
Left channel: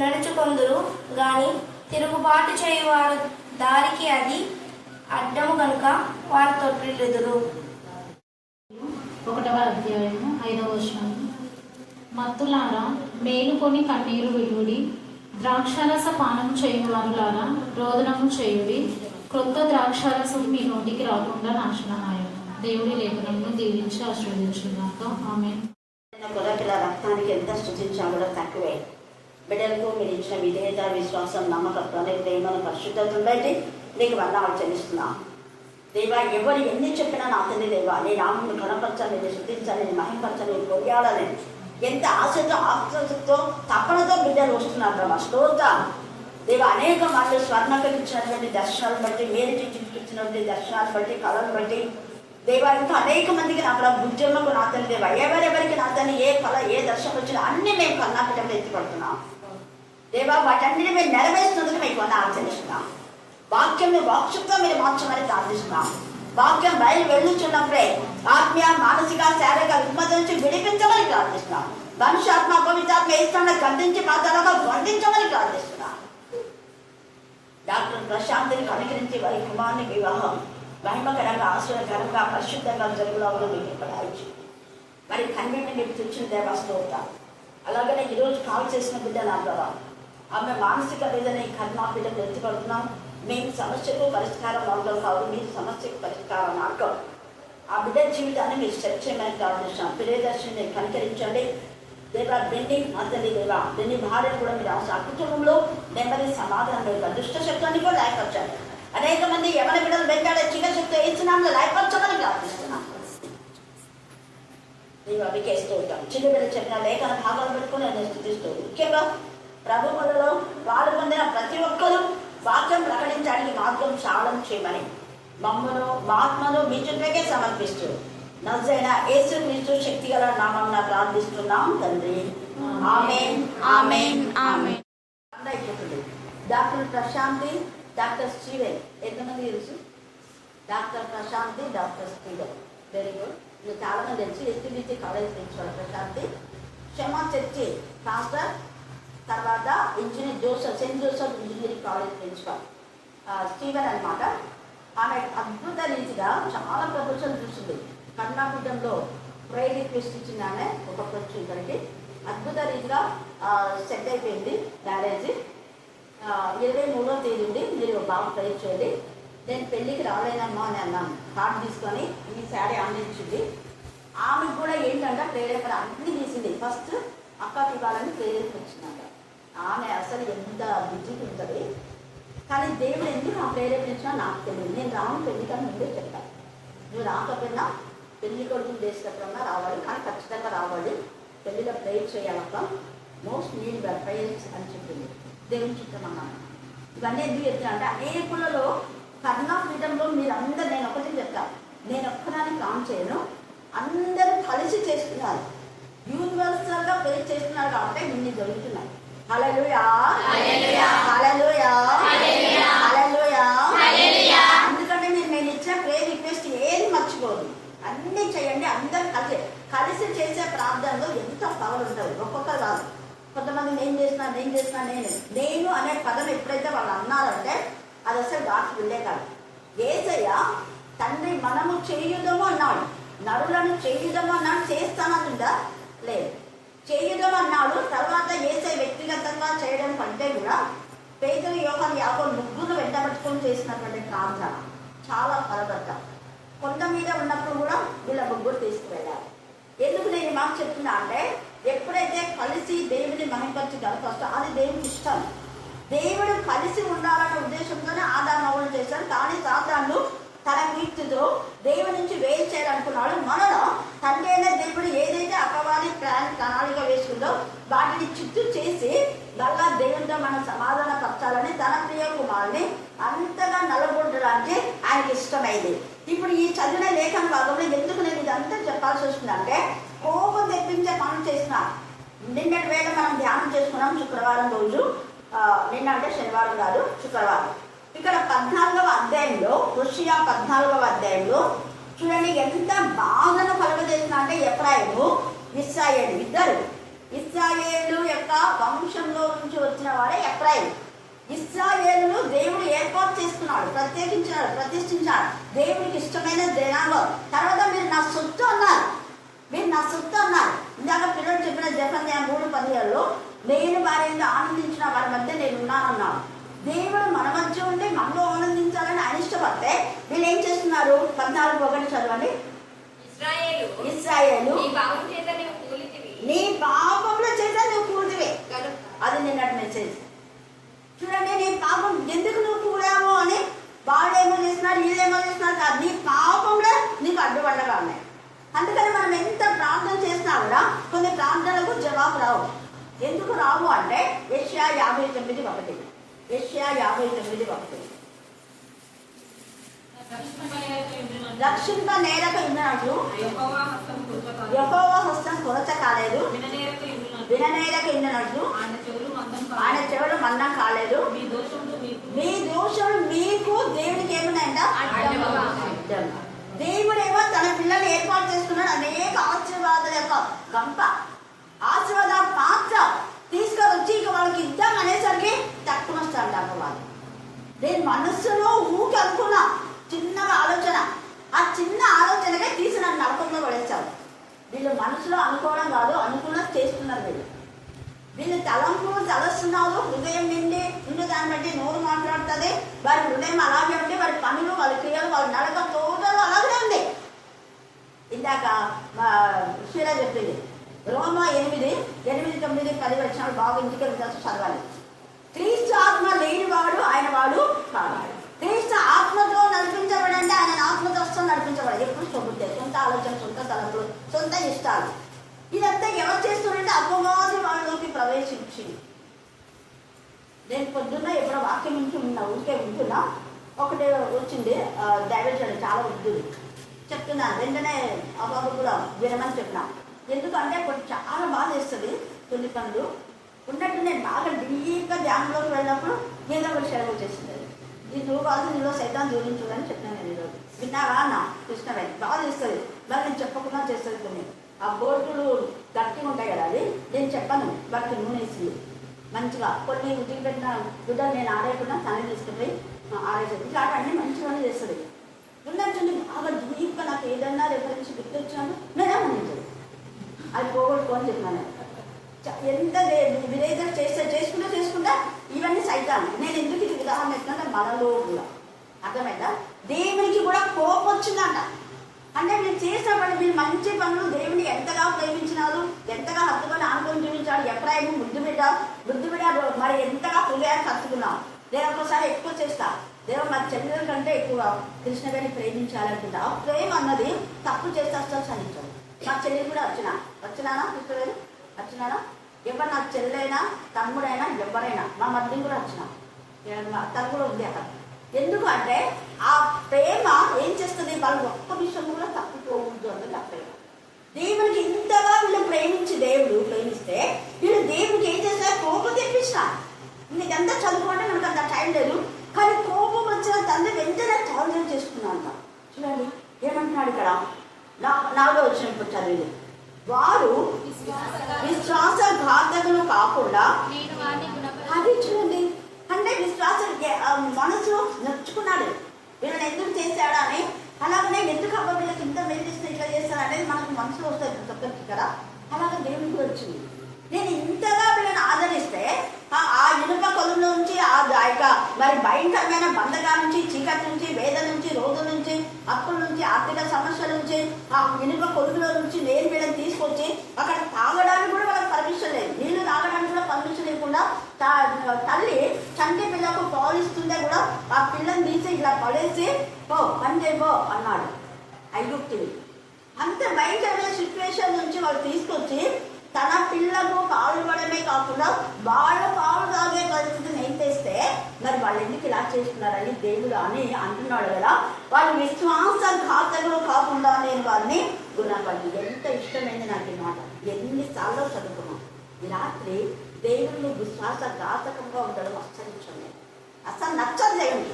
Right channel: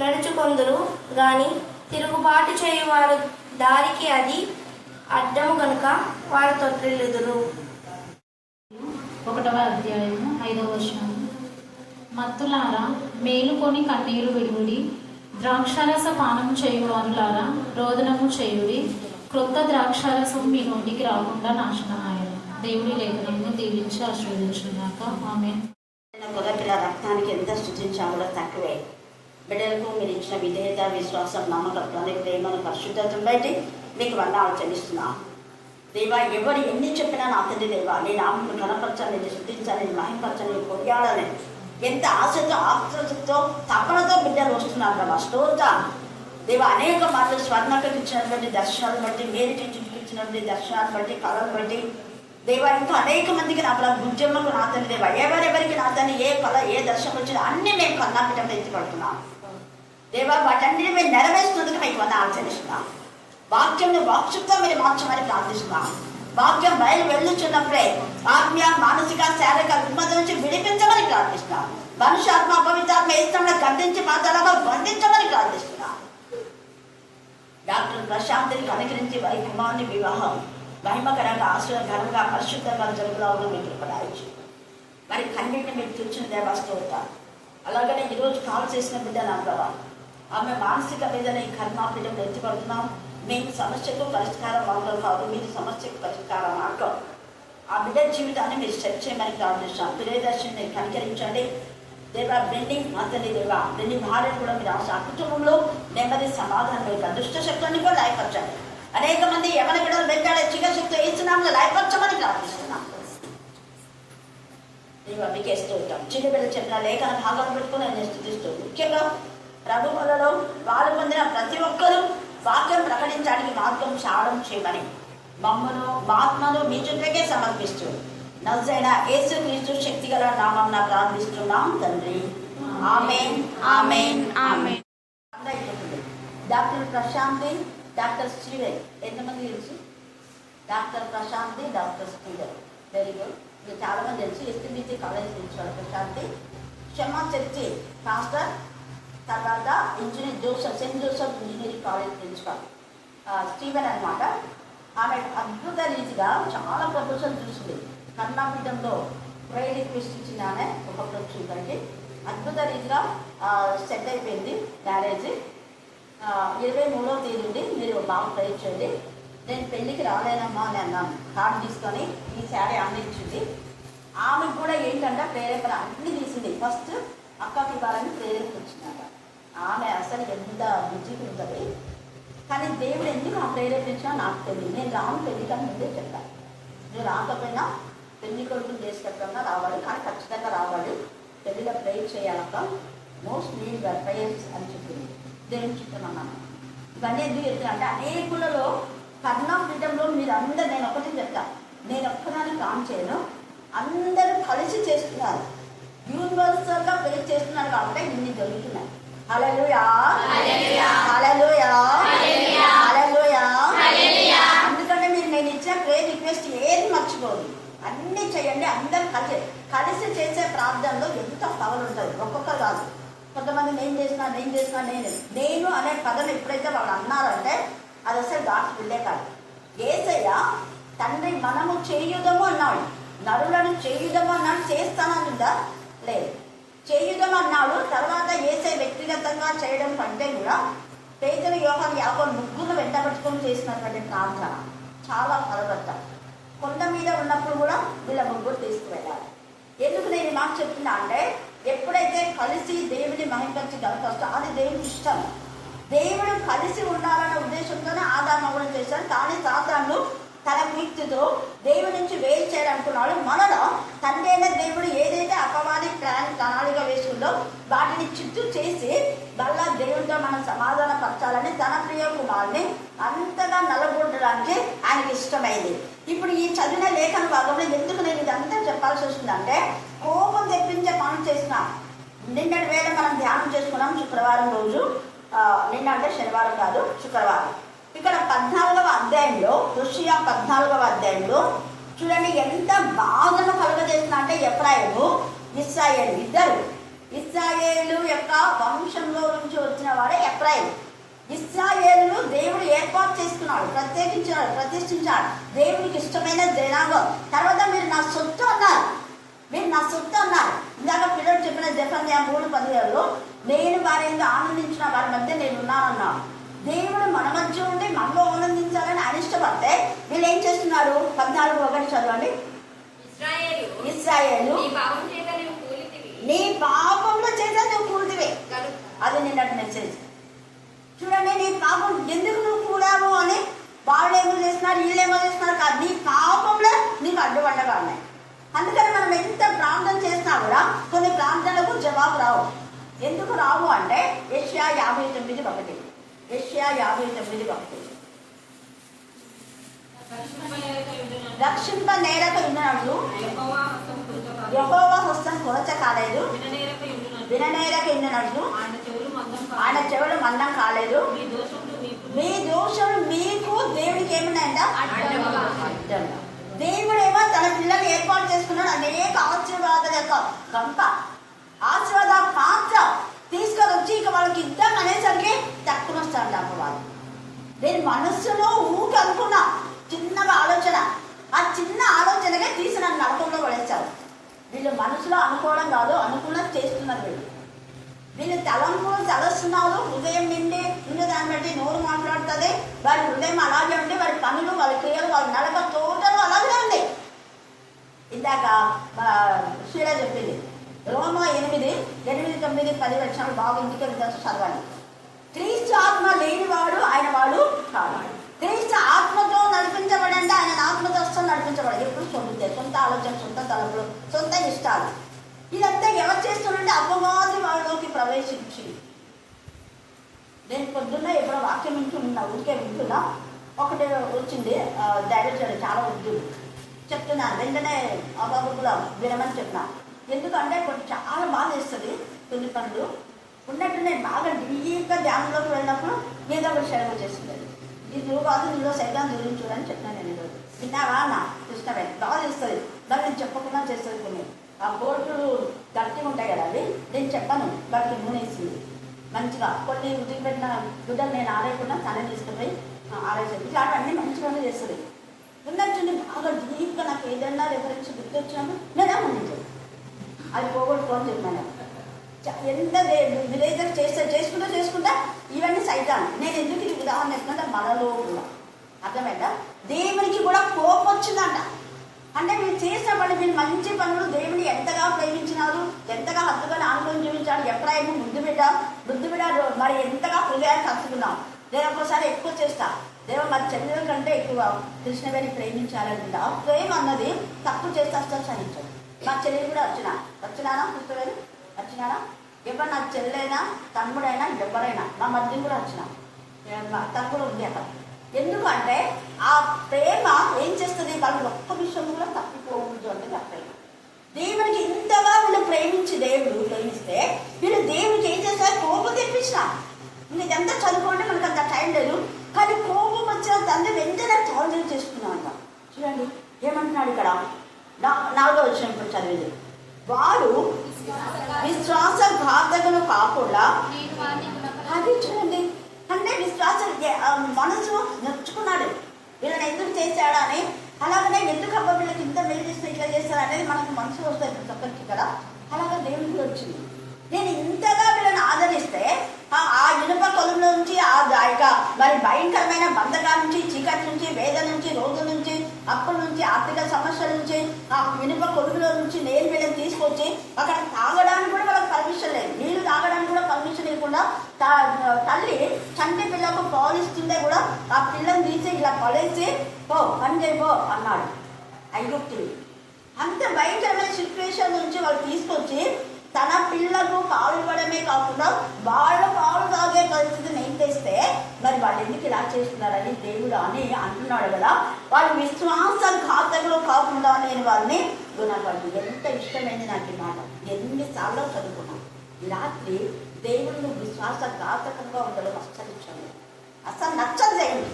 నడుచుకొందురు గాని తిరుగుబాటు చేయువారు దారికి అది అడ్డము గనుక వారు తొట్టిల్లుదురు. 1వ అధ్యాయము 5వ వచనం. మత్తులారా మేలుకొని కన్నీరు విడువుడి, ద్రాక్షారస పానం చేయువారులారా రోదనము చేయుడి. క్రొత్త ద్రాక్షారసం మీ నోటికి రాకుండా నాశనమాయను. దేవుడి లేఖనాన్ని దీవించి ఆశీర్వదించుగాక. ఆమేన్. పిల్ల రక్తానికి ఎంత స్థుతించాలో తక్కువే. బిడ్డలకు మీరు ఇచ్చిన విధేయత, విశ్వాసం, నమ్మకత్వాన్ని, ప్రేమను, పరిశుద్ధతను బట్టి మీకు వందనాలు చెల్లిస్తున్నాం. దేవా, ఎవరు ఎన్ని చెప్పినా నా తండ్రి దేవా, నేను ఆమెను కనపరచాలి, నేను శుద్ధించాలి, మహింపరచాలి, కొనియాడాలి, ఎంత ఆశతో ఆశతో తపనతో బిడ్డలు వస్తున్నారు ప్రభా. స్తోత్రం దేవా. అనేక మార్లు స్వర్ణకకి ఇచ్చినటువంటి దర్శనాలు బట్టి, మేలుకి ఇచ్చినటువంటి దర్శనాలు బట్టి, కళలు బట్టి దేవా, ఇంకా అనేక మందికి నా ప్రభా ఉద్యమకు నా తండ్రి దేవా, ఎవరెవరికి నా తండ్రి ఏ కళ ఏ దర్శనం వచ్చినా అన్ని మేము కర్ణాటకలో ఎత్తిపడుతున్నాం దేవా. వాటన్నిటి మేము నెరవేర్చినందుకు మీకు ఆచరిస్తున్నాం. వాక్యంలో వాక్శుద్ధంగా మీరు మార్చమని ప్రార్థిస్తున్నాం. వాక్యం బయలు వెళ్ళుచున్నప్పుడే ఆత్మీయ, మానసిక, శారీరక రుగ్మత నుంచి విడిపించమని ప్రార్థిస్తున్నాం. మనుష్యాత్మ, పవిత్రాత్మ ఇష్టంలో గర్దించి పాతాలుగా బంధించమని ప్రార్థిస్తున్నాం. డాక్టర్ ప్రశాంత్ని అనుకరించి వారి కుమారుని వివాహం మహిమకరంగా, ఆశ్చర్యకరంగా, పరిశుద్ధంగా జరుగుతావుగా మీకు పడాయించు. మరి కన్నీటిని మీరు తెచ్చిన దేవాస్తోతారు. అలాగనే ఈరోజు కాల్ చేసిన బిడ్డ నా ప్రభా, ఆమె మానసిక వేదన ఈ కర్మాపీఠంలో ఎత్తుపడుతున్నాం. మేము సమస్యకు పరిష్కారం అవడం కాదు, మీరు సమస్యకు పరిష్కారం మాట్లాడు. ఆ బిడ్డ జీవితాన్ని మీరు సెట్ చేయమని ప్రార్థిస్తాం. ప్రియదర్శిని కనికరించండి దేవా. బెండింగ్ అతని దేవా, బెండి భార్యను కూడా మీరు ఆ కుటుంబంలో నెమ్మది, సమాధానం యొక్క దుష్ట శక్తున్ని కూడా లాయపరచండి. అనేక మంది ఎవరి బిడ్డలు వెంటాడే చిన్నశక్తి ఇస్తున్నాము లాయపరచమని ప్రార్థిస్తున్నాం. దేవా మీకే స్తోత్రం. చిన్న బిడ్డ చెప్పిన లేఖన భాగం పెట్టుకుని నేను స్థుతిస్తూ, ముఖ్యంగా ప్రభువులలో పాలు పొందిన ప్రతి ఒక్కరూ వాక్యం ప్రకటించడానికి మార్గం సాధన చేయమని మమ్మను ఆత్మను మీ చుట్టూకే సమర్పిస్తూ నజరైన యేసుక్రీస్తు శక్తి గల నామమున ప్రార్థిస్తున్నాం తండ్రి. ఆమేన్, ఆమేన్, ఆమేన్. డాక్టర్ ప్రశాంతి, డాక్టర్ స్టీవెన్, ఎంతమంది తెలుసు? Doctor Prashanti, doctor Steven, very good. మీరు చాలా మంది తెలుసు. STDC college principal Prashanti, Kshama church pastor, తర్వాత engineer Joseph, saint Joseph engineering college principal Steven అనమాట. ఆమె అద్భుత రీతిగా చాలా ప్రపోజల్ చూసింది. కర్ణాపీఠంలో ప్రైడ్ రిక్వెస్ట్ ఇచ్చింది ఆమె. ఒక్కొక్కరు ఇక్కడికి అద్భుత రీతిగా సెట్ అయిపోయింది మ్యారేజ్. 23వ తేదీ నుండి మీరు బాగా ట్రై చేయండి. నేను పెళ్లికి రాలేనమ్మా అని అన్నాను. కార్డు తీసుకొని ఈ శారీ ఆమె ఇచ్చింది. ఆమెకు కూడా ఏంటంటే ప్రేరేపణ అన్ని తీసింది. ఫస్ట్ అక్కకి ఇవ్వాలని ప్రేరేపణ వచ్చిందంట. ఆమె అసలు ఎంత బిజీగా ఉంటుంది, కానీ దేవుడు ఎందుకు నా ప్రేరేపించినా నాకు తెలియదు. నేను రాను పెళ్లిగా ముందే చెప్తాను. నువ్వు రాకపోయినా పెళ్లి కొడుకుని దేశకట్టంగా రావాలి, కానీ ఖచ్చితంగా రావాలి. పెళ్లిలో ప్రేయర్ చేయాలక్క, మోస్ట్ నీడ్ ప్రేయర్స్ అని చెప్పింది. దేవుని చిత్రం అన్నాను. ఇవన్నీ ఎందుకు చెప్తున్నా అంటే అనేకులలో కర్ణాపీఠంలో మీరు అందరూ, నేను ఒకటి చెప్తాను, నేను ఒక్కదాన్ని కాన్ చేయను, అందరూ కలిసి చేస్తున్నారు, యూనివర్సల్గా ప్రేయర్ చేస్తున్నారు కాబట్టి ఇన్ని జరుగుతున్నాయి. హల్లెలూయా, హల్లెలూయా, హల్లెలూయా. అందుకని నేను ఇచ్చిన ప్రేయర్ రిక్వెస్ట్ ఏది మర్చిపోదు, అన్ని చేయండి. అందరు కలిసి చేసే ప్రార్థనలో ఎంత పవర్ ఉంటుంది. ఒక్కొక్కరు కాదు, కొంతమంది నేను చేసిన నేను అనే పదం ఎప్పుడైతే వాళ్ళు అన్నారంటే అది అసలు డాక్టర్ వెళ్ళే కాదు. యేసయ్య తండ్రి మనము చేయుదము అన్నాడు, నరులను చేయుదము అన్నాడు, చేస్తాననుందా లేదు, చేయుదం అన్నాడు. తర్వాత యేసయ్య వ్యక్తిగతంగా చేయడం కంటే కూడా పేతురు, యోహాను, యాకోబు ముగ్గురు వెంటబట్టుకొని చేసినటువంటి ప్రార్థన చాలా ఫలవత్త. కొండ మీద ఉన్నప్పుడు కూడా వీళ్ళ ముగ్గురు తీసుకువెళ్ళాలి. ఎందుకు నేను ఈ మాట చెప్తున్నా అంటే ఎప్పుడైతే కలిసి దేవుని మహిమపరిచి గడపొస్తా అది దేవునికి ఇష్టం. దేవుడు కలిసి ఉండాలన్న ఉద్దేశంతోనే ఆదాము అవ్వడం చేశాడు. కానీ సాతాను తన కీర్తితో దేవుడి నుంచి వేరు చేయాలనుకున్నాడు. మనలో తండ్రి అయిన దేవుడు ఏదైతే అపవాది ప్రణాళిక వేసుకుందో వాటిని చిత్తు చేసి మళ్ళా దేవుడితో మనం సమాధాన పరచాలని తన ప్రియ కుమారుని అంతగా నలగొట్టడానికి ఆయనకి ఇష్టమైంది. ఇప్పుడు ఈ చదివిన లేఖన భాగంలో ఎందుకు నేను ఇదంతా చెప్పాల్సి వస్తుందంటే కోపం తెప్పించే పనులు చేసిన నిన్నటి వేళ మనం ధ్యానం చేసుకున్నాం శుక్రవారం రోజు. నిన్న అంటే శనివారం కాదు, శుక్రవారం. ఇక్కడ 14వ అధ్యాయంలో, హోషేయ 14వ అధ్యాయంలో చూడండి ఎంత బాధను కలుగజేసిన అంటే ఎఫ్రాయిము, ఇశ్రాయేలు ఇద్దరు. ఇశ్రాయేలు యొక్క వంశంలో నుంచి వచ్చిన వాడే ఎఫ్రాయిము. ఇశ్రాయేలు దేవుడు ఏర్పాటు చేసుకున్నాడు, ప్రతిష్ఠించాడు, దేవుడికి ఇష్టమైన జనాంగం. తర్వాత మీరు నా సొత్తు అన్నారు, ఇందాక పిల్లలు చెప్పిన జెఫన్యా 3:17లో నేను వారి మీద ఆనందించిన వారి మధ్య నేను ఉన్నానన్నాను. దేవుడు మన మధ్య ఉండి మనలో ఆనందించాలని ఆయన ఇష్టపడితే వీళ్ళు ఏం చేస్తున్నారు? 14:1 చదవండి. ఇశ్రాయేలు నీ పాపంలో చేసా నువ్వు కూలితివి. అది నిన్నటి మెసేజ్. చూడండి, నీ పాపం ఎందుకు నువ్వు కూడావు అని వాళ్ళేమో చేస్తున్నారు, వీళ్ళేమో చేస్తున్నారు కాదు, నీ పాపంలో నీకు అడ్డుపడ్డగా ఉన్నాయి. అందుకని మనం ఎంత ప్రార్థన చేసినా కూడా కొన్ని ప్రార్థనలకు జవాబు రావు. ఎందుకు రావు అంటే యెషయా 59:1. యెషయా 59:1 రక్షింప నేరక ఉన్నట్లు యెహోవా హస్తం కొరచ కాలేదు, విననేరక ఉన్నట్లు ఆయన చెవులు మందం కాలేదు. మీ దోషులు మీకు దేవుడికి ఏమున్నాయంట? అడ్డంగా. దేవుడేమో తన పిల్లలు ఏర్పాటు చేసుకున్నాడు. అనేక ఆశీర్వాదాల యొక్క గంప, ఆశీర్వాద పాత్ర తీసుకొచ్చి ఇక వాళ్ళకి ఇద్దాం అనేసరికి తక్కువ వస్తాడు అమ్మవారు. నేను మనస్సులో ఊకి అనుకున్నా చిన్నగా ఆలోచన, ఆ చిన్న ఆలోచనగా తీసి నన్ను నరకంలో పడేస్తారు. వీళ్ళు మనసులో అనుకోవడం కాదు, అనుకున్నది చేస్తున్నారు. వీళ్ళు తలంపులు తలస్తున్నారు, హృదయం నిండి దాన్ని బట్టి నోరు మాట్లాడుతుంది. వారి హృదయం అలాగే ఉంది, వారి పనులు, వాళ్ళ క్రియలు, వాళ్ళ నడక టోటల్ అలాగే ఉంది. ఇందాక షీలా చెప్పింది రోమా 8, 9, 10 వచనాలు బాగా ఇంటికి వెళ్తా చదవాలి. క్రీస్తు ఆత్మ లేనివాడు ఆయన వాడు కాదు. క్రీస్తు ఆత్మతో నడిపించబడి అంటే ఆయన ఆత్మతో వస్తుంది నడిపించబడి. ఎప్పుడు సొంత ఆలోచన, సొంత తలపులు, సొంత ఇష్టాలు, ఇదంతా ఎవరు చేస్తున్నారంటే అపవాది వాళ్ళలోకి ప్రవేశించింది. నేను పొద్దున్న ఎప్పుడో వాక్యం వింటున్నా, ఊరికే వింటున్నా, ఒకటి వచ్చింది దైవజనుడు చాలా వద్దు చెప్తున్నాను. వెంటనే అబాబు కూడా వినమని చెప్పినా. ఎందుకంటే కొంచెం చాలా బాధ వేస్తుంది కొన్ని పనులు ఉన్నట్టు. నేను బాగా డీప్గా ధ్యానంలోకి వెళ్ళినప్పుడు ఏదో ఒకటి శరం వచ్చేస్తుంది. ఈ రూపాయలు నీలో సైతం దూరం చూడని చెప్పినాను నేను ఈరోజు. విన్నావా నా కృష్ణవే బాధ ఇస్తుంది, మరి నేను చెప్పకుండా చేస్తుంది. కొన్ని ఆ బోర్డులు గట్టిగా ఉంటాయి కదా, అది నేను చెప్పాను. వాటికి నూనె వేసింది మంచిగా. కొన్ని ఉద్యోగ పెట్టిన గుడ్డలు నేను ఆరేయకుండా తనే తీసుకుపోయి ఆరేసేది. ఇట్లాంటివన్నీ మంచిగానే చేస్తుంది. ఉన్నట్టు బాగా డీప్గా నాకు ఏదన్నా రెఫరెన్స్ గుర్తొచ్చాను నేనేమనించదు, అది పోగొట్టుకోని చెప్పినాను. ఎంత విధేయత చేసుకుంటా ఇవన్నీ సైతాన్ని. నేను ఎందుకు ఇది ఉదాహరణ ఇస్తున్నా, మనలో కూడా అర్థమైందా? దేవునికి కూడా కోపం వచ్చిందంట. అంటే మీరు చేసిన పని, మీరు మంచి పనులు దేవుని ఎంతగా ప్రేమించినారు, ఎంతగా హత్తుకొని ఆనుకొని జీవించాడు. ఎప్పుడైనా ముద్దు బిడ్డ మరి ఎంతగా హృదయాన్ని హత్తుకున్నాం. నేను ఒక్కసారి ఎక్కువ చేస్తా, దేవ మా చెల్లెల కంటే ఎక్కువ కృష్ణవేణి ప్రేమించాలనుకుంటా. ప్రేమ అన్నది తప్పు చేస్తే అసలు సహించాడు. మా చెల్లెలు కూడా వచ్చినానా కృష్ణవేణి వచ్చినానా? ఎవరు నా చెల్లెైనా తమ్ముడైనా ఎవరైనా, మా మధ్య కూడా వచ్చినా, తను కూడా ఉంది అక్కడ. ఎందుకంటే ఆ ప్రేమ ఏం చేస్తుంది, వాళ్ళు ఒక్క విషయం కూడా తప్పిపోవద్దు అంటే ఆ ప్రేమ. దేవునికి ఇంతగా వీళ్ళు దేవుడు ప్రేమిస్తే వీళ్ళు దేవుడికి ఏం చేస్తారు? కోపం తెప్పించిన. ఇదంతా చదువుకుంటే మనకు అంత టైం లేదు, కానీ కోపం వచ్చిన తండ్రి వెంటనే చార్జీలు చేసుకున్నాం అంట. చూడండి ఏమంటున్నాడు ఇక్కడ, 4వ వచనం చదివేది. వారు విశ్వాసఘాతకులు కాకుండా, అది చూడండి, అంటే విశ్వాస మనసు నొచ్చుకున్నాడు. వీళ్ళని ఎందుకు చేశాడా అని, అలాగనే ఎందుకు అబ్బా వీళ్ళకి ఇంత మేలు చేస్తే ఇట్లా చేస్తాడు అనేది మనకు మనసు వస్తుంది ప్రతి ఒక్కరికి కదా. అలాగే దేవుని కూడా వచ్చింది. నేను ఇంతగా వీళ్ళని ఆదరిస్తే ఆ ఇనుప కొలుముల నుంచి ఆ యొక్క మరి భయంకరమైన బంధకాల నుంచి, చీకటి నుంచి, వేదన నుంచి, రోగం నుంచి, అప్పుల నుంచి, ఆర్థిక సమస్యల నుంచి, ఆ ఇనుప కొలుముల నుంచి నేను వీళ్ళని తీసుకొచ్చి అక్కడ తాగడానికి కూడా వాళ్ళకి పర్మిషన్ లేదు, నీళ్లు తాగడానికి కూడా పర్మిషన్ లేకుండా తల్లి చంటి పిల్లకు పాలిస్తుంటే కూడా ఆ పిల్లని తీసి ఇట్లా పడేసి పో పని చేయబో అన్నాడు ఐగుప్తుని. అంత భయంకరమైన సిచ్యువేషన్ నుంచి వాళ్ళు తీసుకొచ్చి తన పిల్లకు పాలు ఇవ్వడమే కాకుండా వాళ్ళు పాలు తాగే పరిస్థితిని ఏం చేస్తే మరి వాళ్ళు ఎందుకు ఇలా చేస్తున్నారని దేవుడు అని అంటున్నాడు కదా. వాళ్ళు విశ్వాసఘాతకులు కాకుండా నేను వారిని గుణపడి. ఎంత ఇష్టమైంది నాకు ఈ మాట, ఎన్నిసార్లు చదువుకున్నాం. ఈ రాత్రి దేవుడు విశ్వాసఘాతకంగా ఉండడం అస్సలు ఇష్టం లేదు, అసలు నచ్చదు దేవుడు.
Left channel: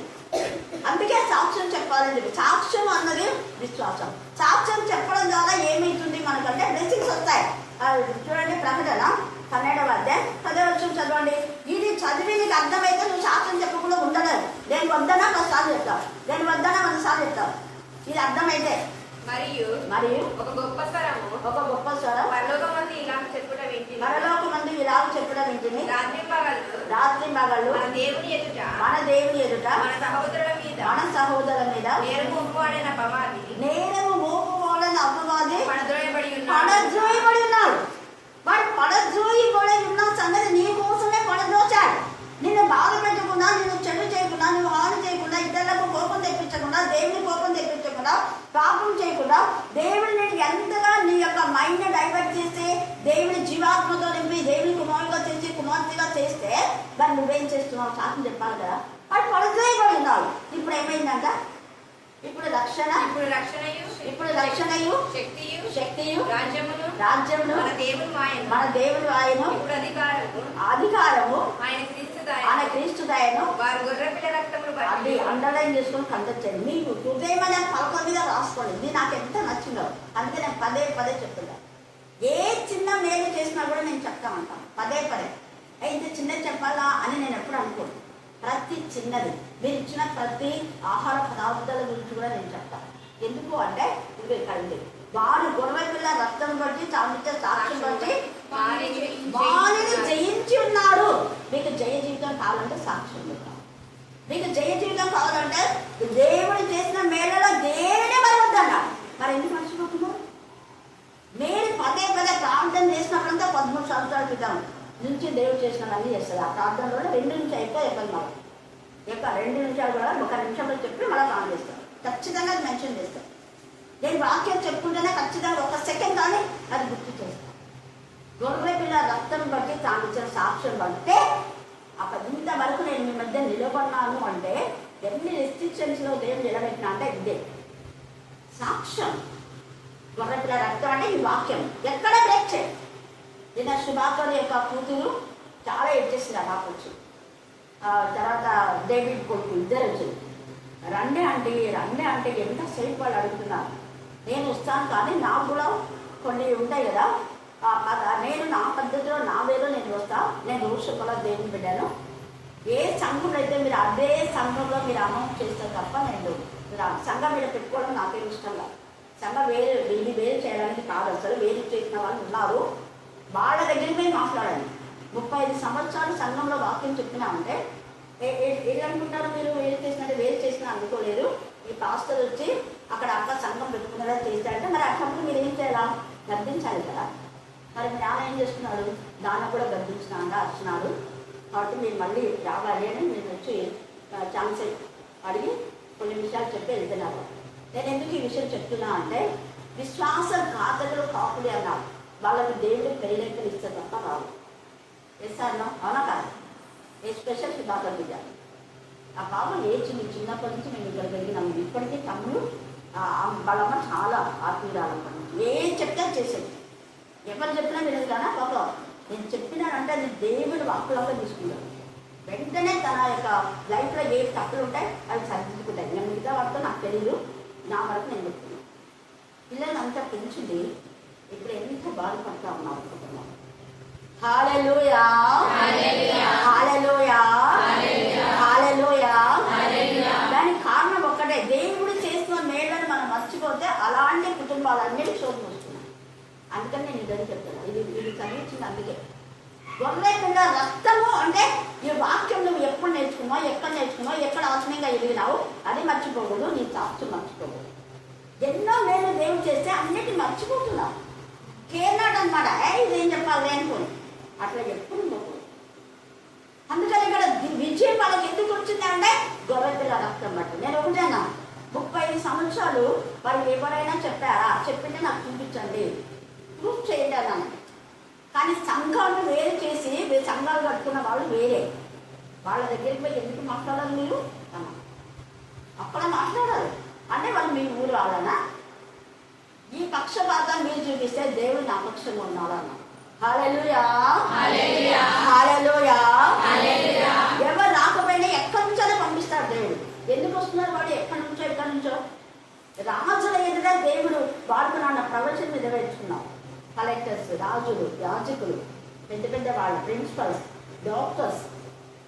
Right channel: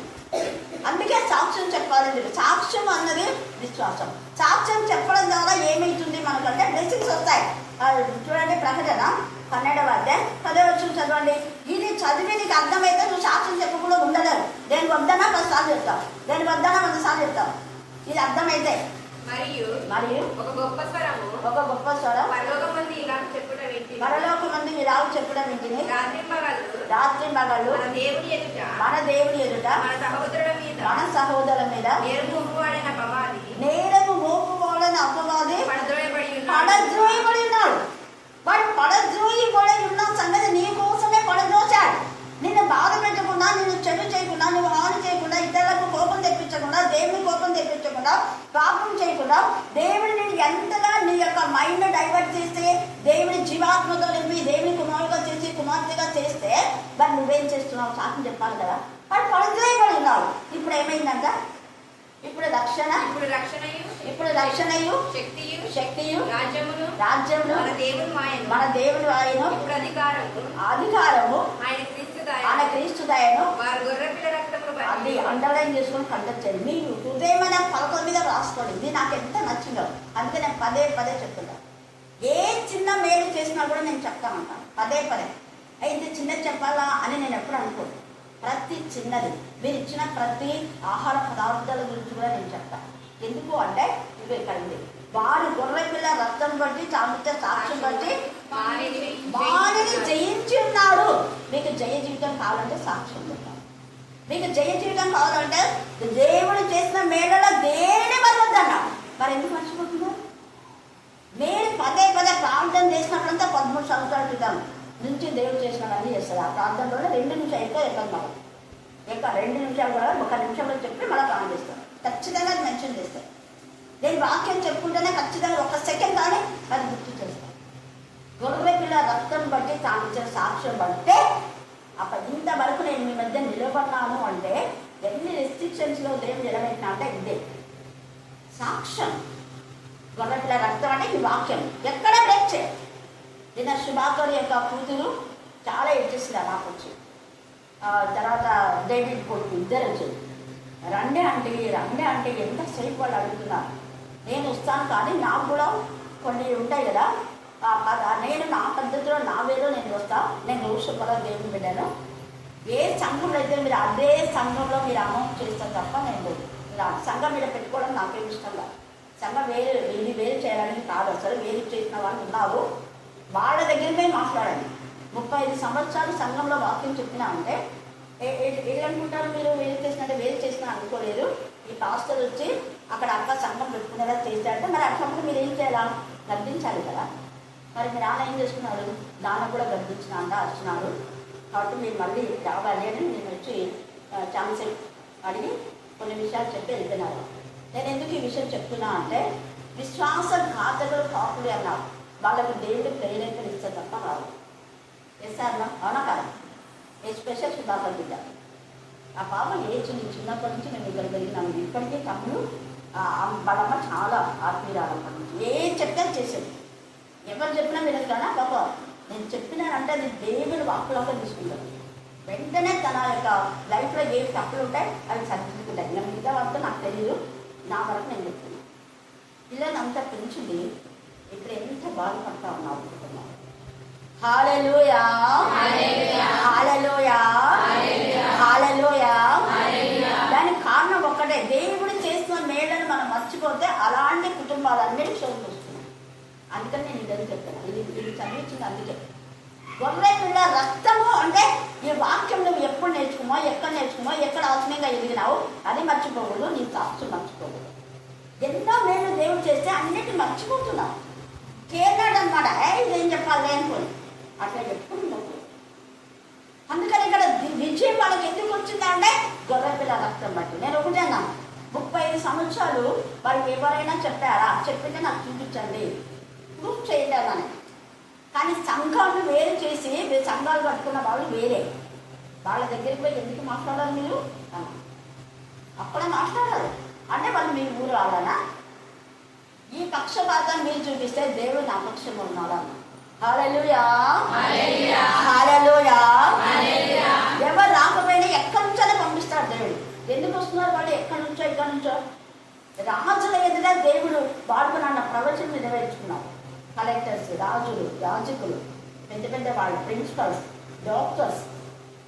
అందుకే సాక్ష్యం చెప్పాలని చెప్పి, సాక్ష్యం అన్నది విశ్వాసం. సాక్ష్యం చెప్పడం ద్వారా ఏమైతుంది మనకంటే బ్లెస్సింగ్స్ వస్తాయి. చూడండి ప్రకటన 12వ అధ్యాయం 10వ వచనం చదవండి. ఇది చదివి నీకు అర్థమైతే నువ్వు సాక్ష్యం చెప్పకుండా ఉండలేదు. నేను వద్దనా 10 సార్లు చెప్తావు, నేను వద్దనా 100 సార్లు చెప్తావు. ఇది అర్థమైతే మరియు ఒక గొప్ప స్వరం పరలోకమందు ఇలాగ చెప్పడం వింటిని, రాత్రి పగలు మన దేవుని ఎదుట మన సహోదరుల మీద నేరము మోపువాడైన అపవాది పడద్రోయబడి ఉన్నాడు. వాడు పడద్రోయబడి ఉన్న సంగతి నీ కోసమే పడద్రోచాడు. నిన్ను బాధ పెట్టకుండా, నిన్ను చెడు చేయకుండా, నువ్వు హాని చేయకుండా, ఇతరులకు కోపం తెప్పించకుండా, దేవుని కోపం తెప్పించకుండా, పాపం చేయకుండా, దేవుని నేను ఎంతగా నీ యొక్క మైండ్ డైవర్ట్ చేస్తే, దేవుని జీవాత్మతో నింపి దేవుని కుమారుగా చేసి కుమార్తెగా చేస్తే మరి నువ్వేం చేస్తున్నావు? సాక్ష్యం చెప్పాలి కదా. వాడు పడద్రోయబడి ఉన్నాడు. ఇప్పుడు ఏమైందంట? ఇప్పుడు రక్షణయు శక్తియు రాజ్యమును మన దేవుని ఆయన అధికారము ఆయన క్రీస్తు దయను అది అండర్లైన్ చేసుకుని కండొచ్చాను. మీకు హృదయమైన పలకల మీద రాసుకోండి. ఇది నాకు ఎంత నచ్చిందో, అందుకే నేను పదే చెప్తున్నా. ఏ చిన్న మేలు చేసినా కూడా నేను చెప్తామంటాను పదే. అయితే చిన్న చెప్పాలా అని నేను ఎప్పుడు అనుకోను. ప్రతి చిన్నది, మీరు ఇచ్చిన ప్రతి ఆహార పదార్థాల గురించి కూడా నేను చెప్తాను. ఎందుకు అంటే ఇవి ఇక్కడ వారు గొర్రె పిల్ల రక్తం బట్టి చామిచ్చే సాక్ష్యం బట్టి వారిని జయించి ఉన్నాడు. మీకు జయ జీవితం కావాలంటే సాక్ష్యం చెప్తాం. మీకు జయ జీవితం కావాలంటే దేవుడు చేసిన మేళలో దేని మరొద్దన్నాడు. మరి ఎందుకు మర్చిపోతున్నారు? నేను పదే ప్రార్థన చేసినప్పుడంతా 13 సంవత్సరాల క్రితం నుంచి దేవుడు చేసినవన్నీ చేస్తారు. ఆ ప్రార్థనలో 2 నిమిషాలు ఎక్కువ చెప్పాలి. మనం ఎక్కువ 2 నిమిషాలు కూడా 1 నిమిషంలో చెప్పి మళ్ళీ కామెంట్ చేస్తాను. ఖచ్చితంగా అది మెన్షన్ చేస్తాను. నేను వాక్యం చెప్పుకుంటేనే ఖచ్చితంగా 1 సెకండ్ కానీ అది గుర్తు చేస్తాను. గొర్రె పిల్ల రక్తం బట్టి తాను ఇచ్చిన సాక్ష్యం బట్టే అక్కడ ఇంతవరకు నేను మీ మధ్య నిలబడినాను అంటే ఎన్ని రెస్ట్రిక్షన్స్ లో దేవుడు నిలబెట్టినా అంటే ఇదే సాక్ష్యం. గొర్రె పిల్ల రక్తం అంటే ఈ వాక్యం ఎక్కడ బ్రేక్ చేయాలి. నిన్న శుభాకర్ యొక్క కూతురు చాలా ఏడ్చేసింది. ఆ పాప వచ్చి తర్వాత డేవిడ్ కొడుకు ఇద్దరు వచ్చి రండి అంటే ఎంతసేపు వాళ్ళు అడుగుతున్నారు. నేను వస్తాను కానీ నాకు కూడా కొన్ని ఉంటాయి కదా, నేను నా పద్ధతిలో నా వేలో నేను వస్తా. నేను రోజు శుభ్రంగా దేవుని బిడ్డను. ఏ సంఘంలో అయితే మీరు అదే సంఘంలో మీరు అనౌన్స్ చేస్తారు తప్ప నేను సంఘం మీద పెట్టుకోవడం నాకేం ఇష్టం కాదు. సంఘం వేరు చేయాలని కాదు. అసలు వేరు చేసిన వాళ్ళు ఉన్నారు, వాళ్ళ దగ్గరమే మాట్లాడండి. 35 సంవత్సరాలు సంఘంలో వాక్యం చెప్పినా అంటే ఏమనుకుంటారు మీరు? వేరు చేసినా అనుకోలేదు. ఈ పాస్టర్ వచ్చి అక్కడ అక్క సంఘం పెట్టుకునేలా చేశారంటే మరి అట్లప్పుడు మీరు ఏం చేయాలా? గర్దించాలి కదా. మరి మీరు ఆయన ఏం చేస్తున్నాడు? దాన్ని కూడా గర్దించినా వచ్చినాడు కాబట్టి మీరు మళ్ళీ రావాలి అని నేను వచ్చి ఛాన్స్ అడిగి కొన్ని విషయాలు చెప్పి వెళ్తున్నాను. నేను ఎందుకు ఈ విషయం చెప్తున్నా అంటే విశ్వాసఘాతకులు కాకులు అన్నారు. వాళ్ళకి దేవుడు ప్రేరేపణ ఇస్తే తప్ప రాదు. ఎస్ఆర్లో అవునా కాదు? ఏ స్పెషల్ శుభాకాంక్షలు బిడ్డ. ఆ పాప చిన్నప్పటి నుంచి మేము ఇక్కడ పెరిగినాము. ఇప్పటికీ తమ్ముడు వాళ్ళమ్మ చాలా ఆత్మీయురాలంట. ఏం చెప్తే చేసేది, ఎవరు చెప్పినా వినదు. కానీ పాప నేను చెప్పినానంటే అది దేవుని వాక్కులాగా తీసుకుంటాను. వెంటనే తన యొక్క లైఫ్లో ఏ తప్పులు ఉంటాయి అవి సరిదిద్దుకుంటాయి. ఇంకా మిగతా వాటితో నాకు తెలియదు, నా వరకు నేను చెప్తున్నాను. పిల్లలు అంతా పెంచింది ఇప్పుడు ఎంత బాధపడతా ఉన్నారు కుటుంబం. హల్లెలూయా, హల్లెలూయా, హల్లెలూయా. దానికి కారణం ఒక్కటే, దేవుడు చేస్తున్న మేళ్ళని మనం మర్చిపోతే అలాంటి కుటుంబాలన్నీ శోభను వస్తున్నాయి. అందుకని నేను ఇద్దరు చెప్తాను, ఇది చదివించింది. అందుకే గొర్రె పిల్ల రక్తము అంటే ఈ వాక్యం నువ్వు ఎప్పుడు నేర్చుకున్నావు, ఎక్కడ ఆత్మీయంగా ఎదిగినావు అది మర్చిపోకూడదు, నీ సాక్షి మర్చిపోకూడదు. ఎన్నో మేళ్ళు దేవుడు చేస్తే అన్నిటిని మర్చిపోతున్నావు. కేర్నాడు అనమాట, ఇదేం చెప్పాలి అనుకోని అట్లా చెప్పుకుంటావు. అందుకని ఇక్కడ విజయం వాళ్ళకి ఎందుకు వచ్చిందంటే గొర్రె పిల్ల రక్తం బట్టి. నేను ఒకటేనా 35 సంవత్సరాలు వారు ఎవరైనా చెప్పారా, చెప్పింటే నాకు చూపించండి, ప్రూఫ్ చేయండి అన్నాను. కానీ సంఘాలు వేరు చేసి సంఘాలు కట్టుకున్న వాళ్ళు వేరే, వాళ్ళ దగ్గరికి పోయి ఎందుకు మాట్లాడాలి మీరు అన్న. అక్కడ మాట్లాడాలి అంటే వాళ్ళు మీ ఊరు వాళ్ళనా. ఈ పక్షపాతాన్ని మీరు చూపిస్తే దేవుడు నా పక్షంగా ఉన్నాడన్న. హల్లెలూయా, హల్లెలూయా. ఎవరు రాకపోయినా ఎక్కడి నుంచో పంపిస్తాడు దేవుడు. ఎందుకు వస్తున్నారు వాడు, ఎక్కడి నుంచో. రాజుల ఎదుట దేవుడు వాడుకున్న ప్రవచనం నెరవేర్చుకున్నాం. కలెక్టర్స్, రాజులు, యాజకులు, పెద్ద వాళ్ళ ప్రిన్సిపల్స్, డాక్టర్స్,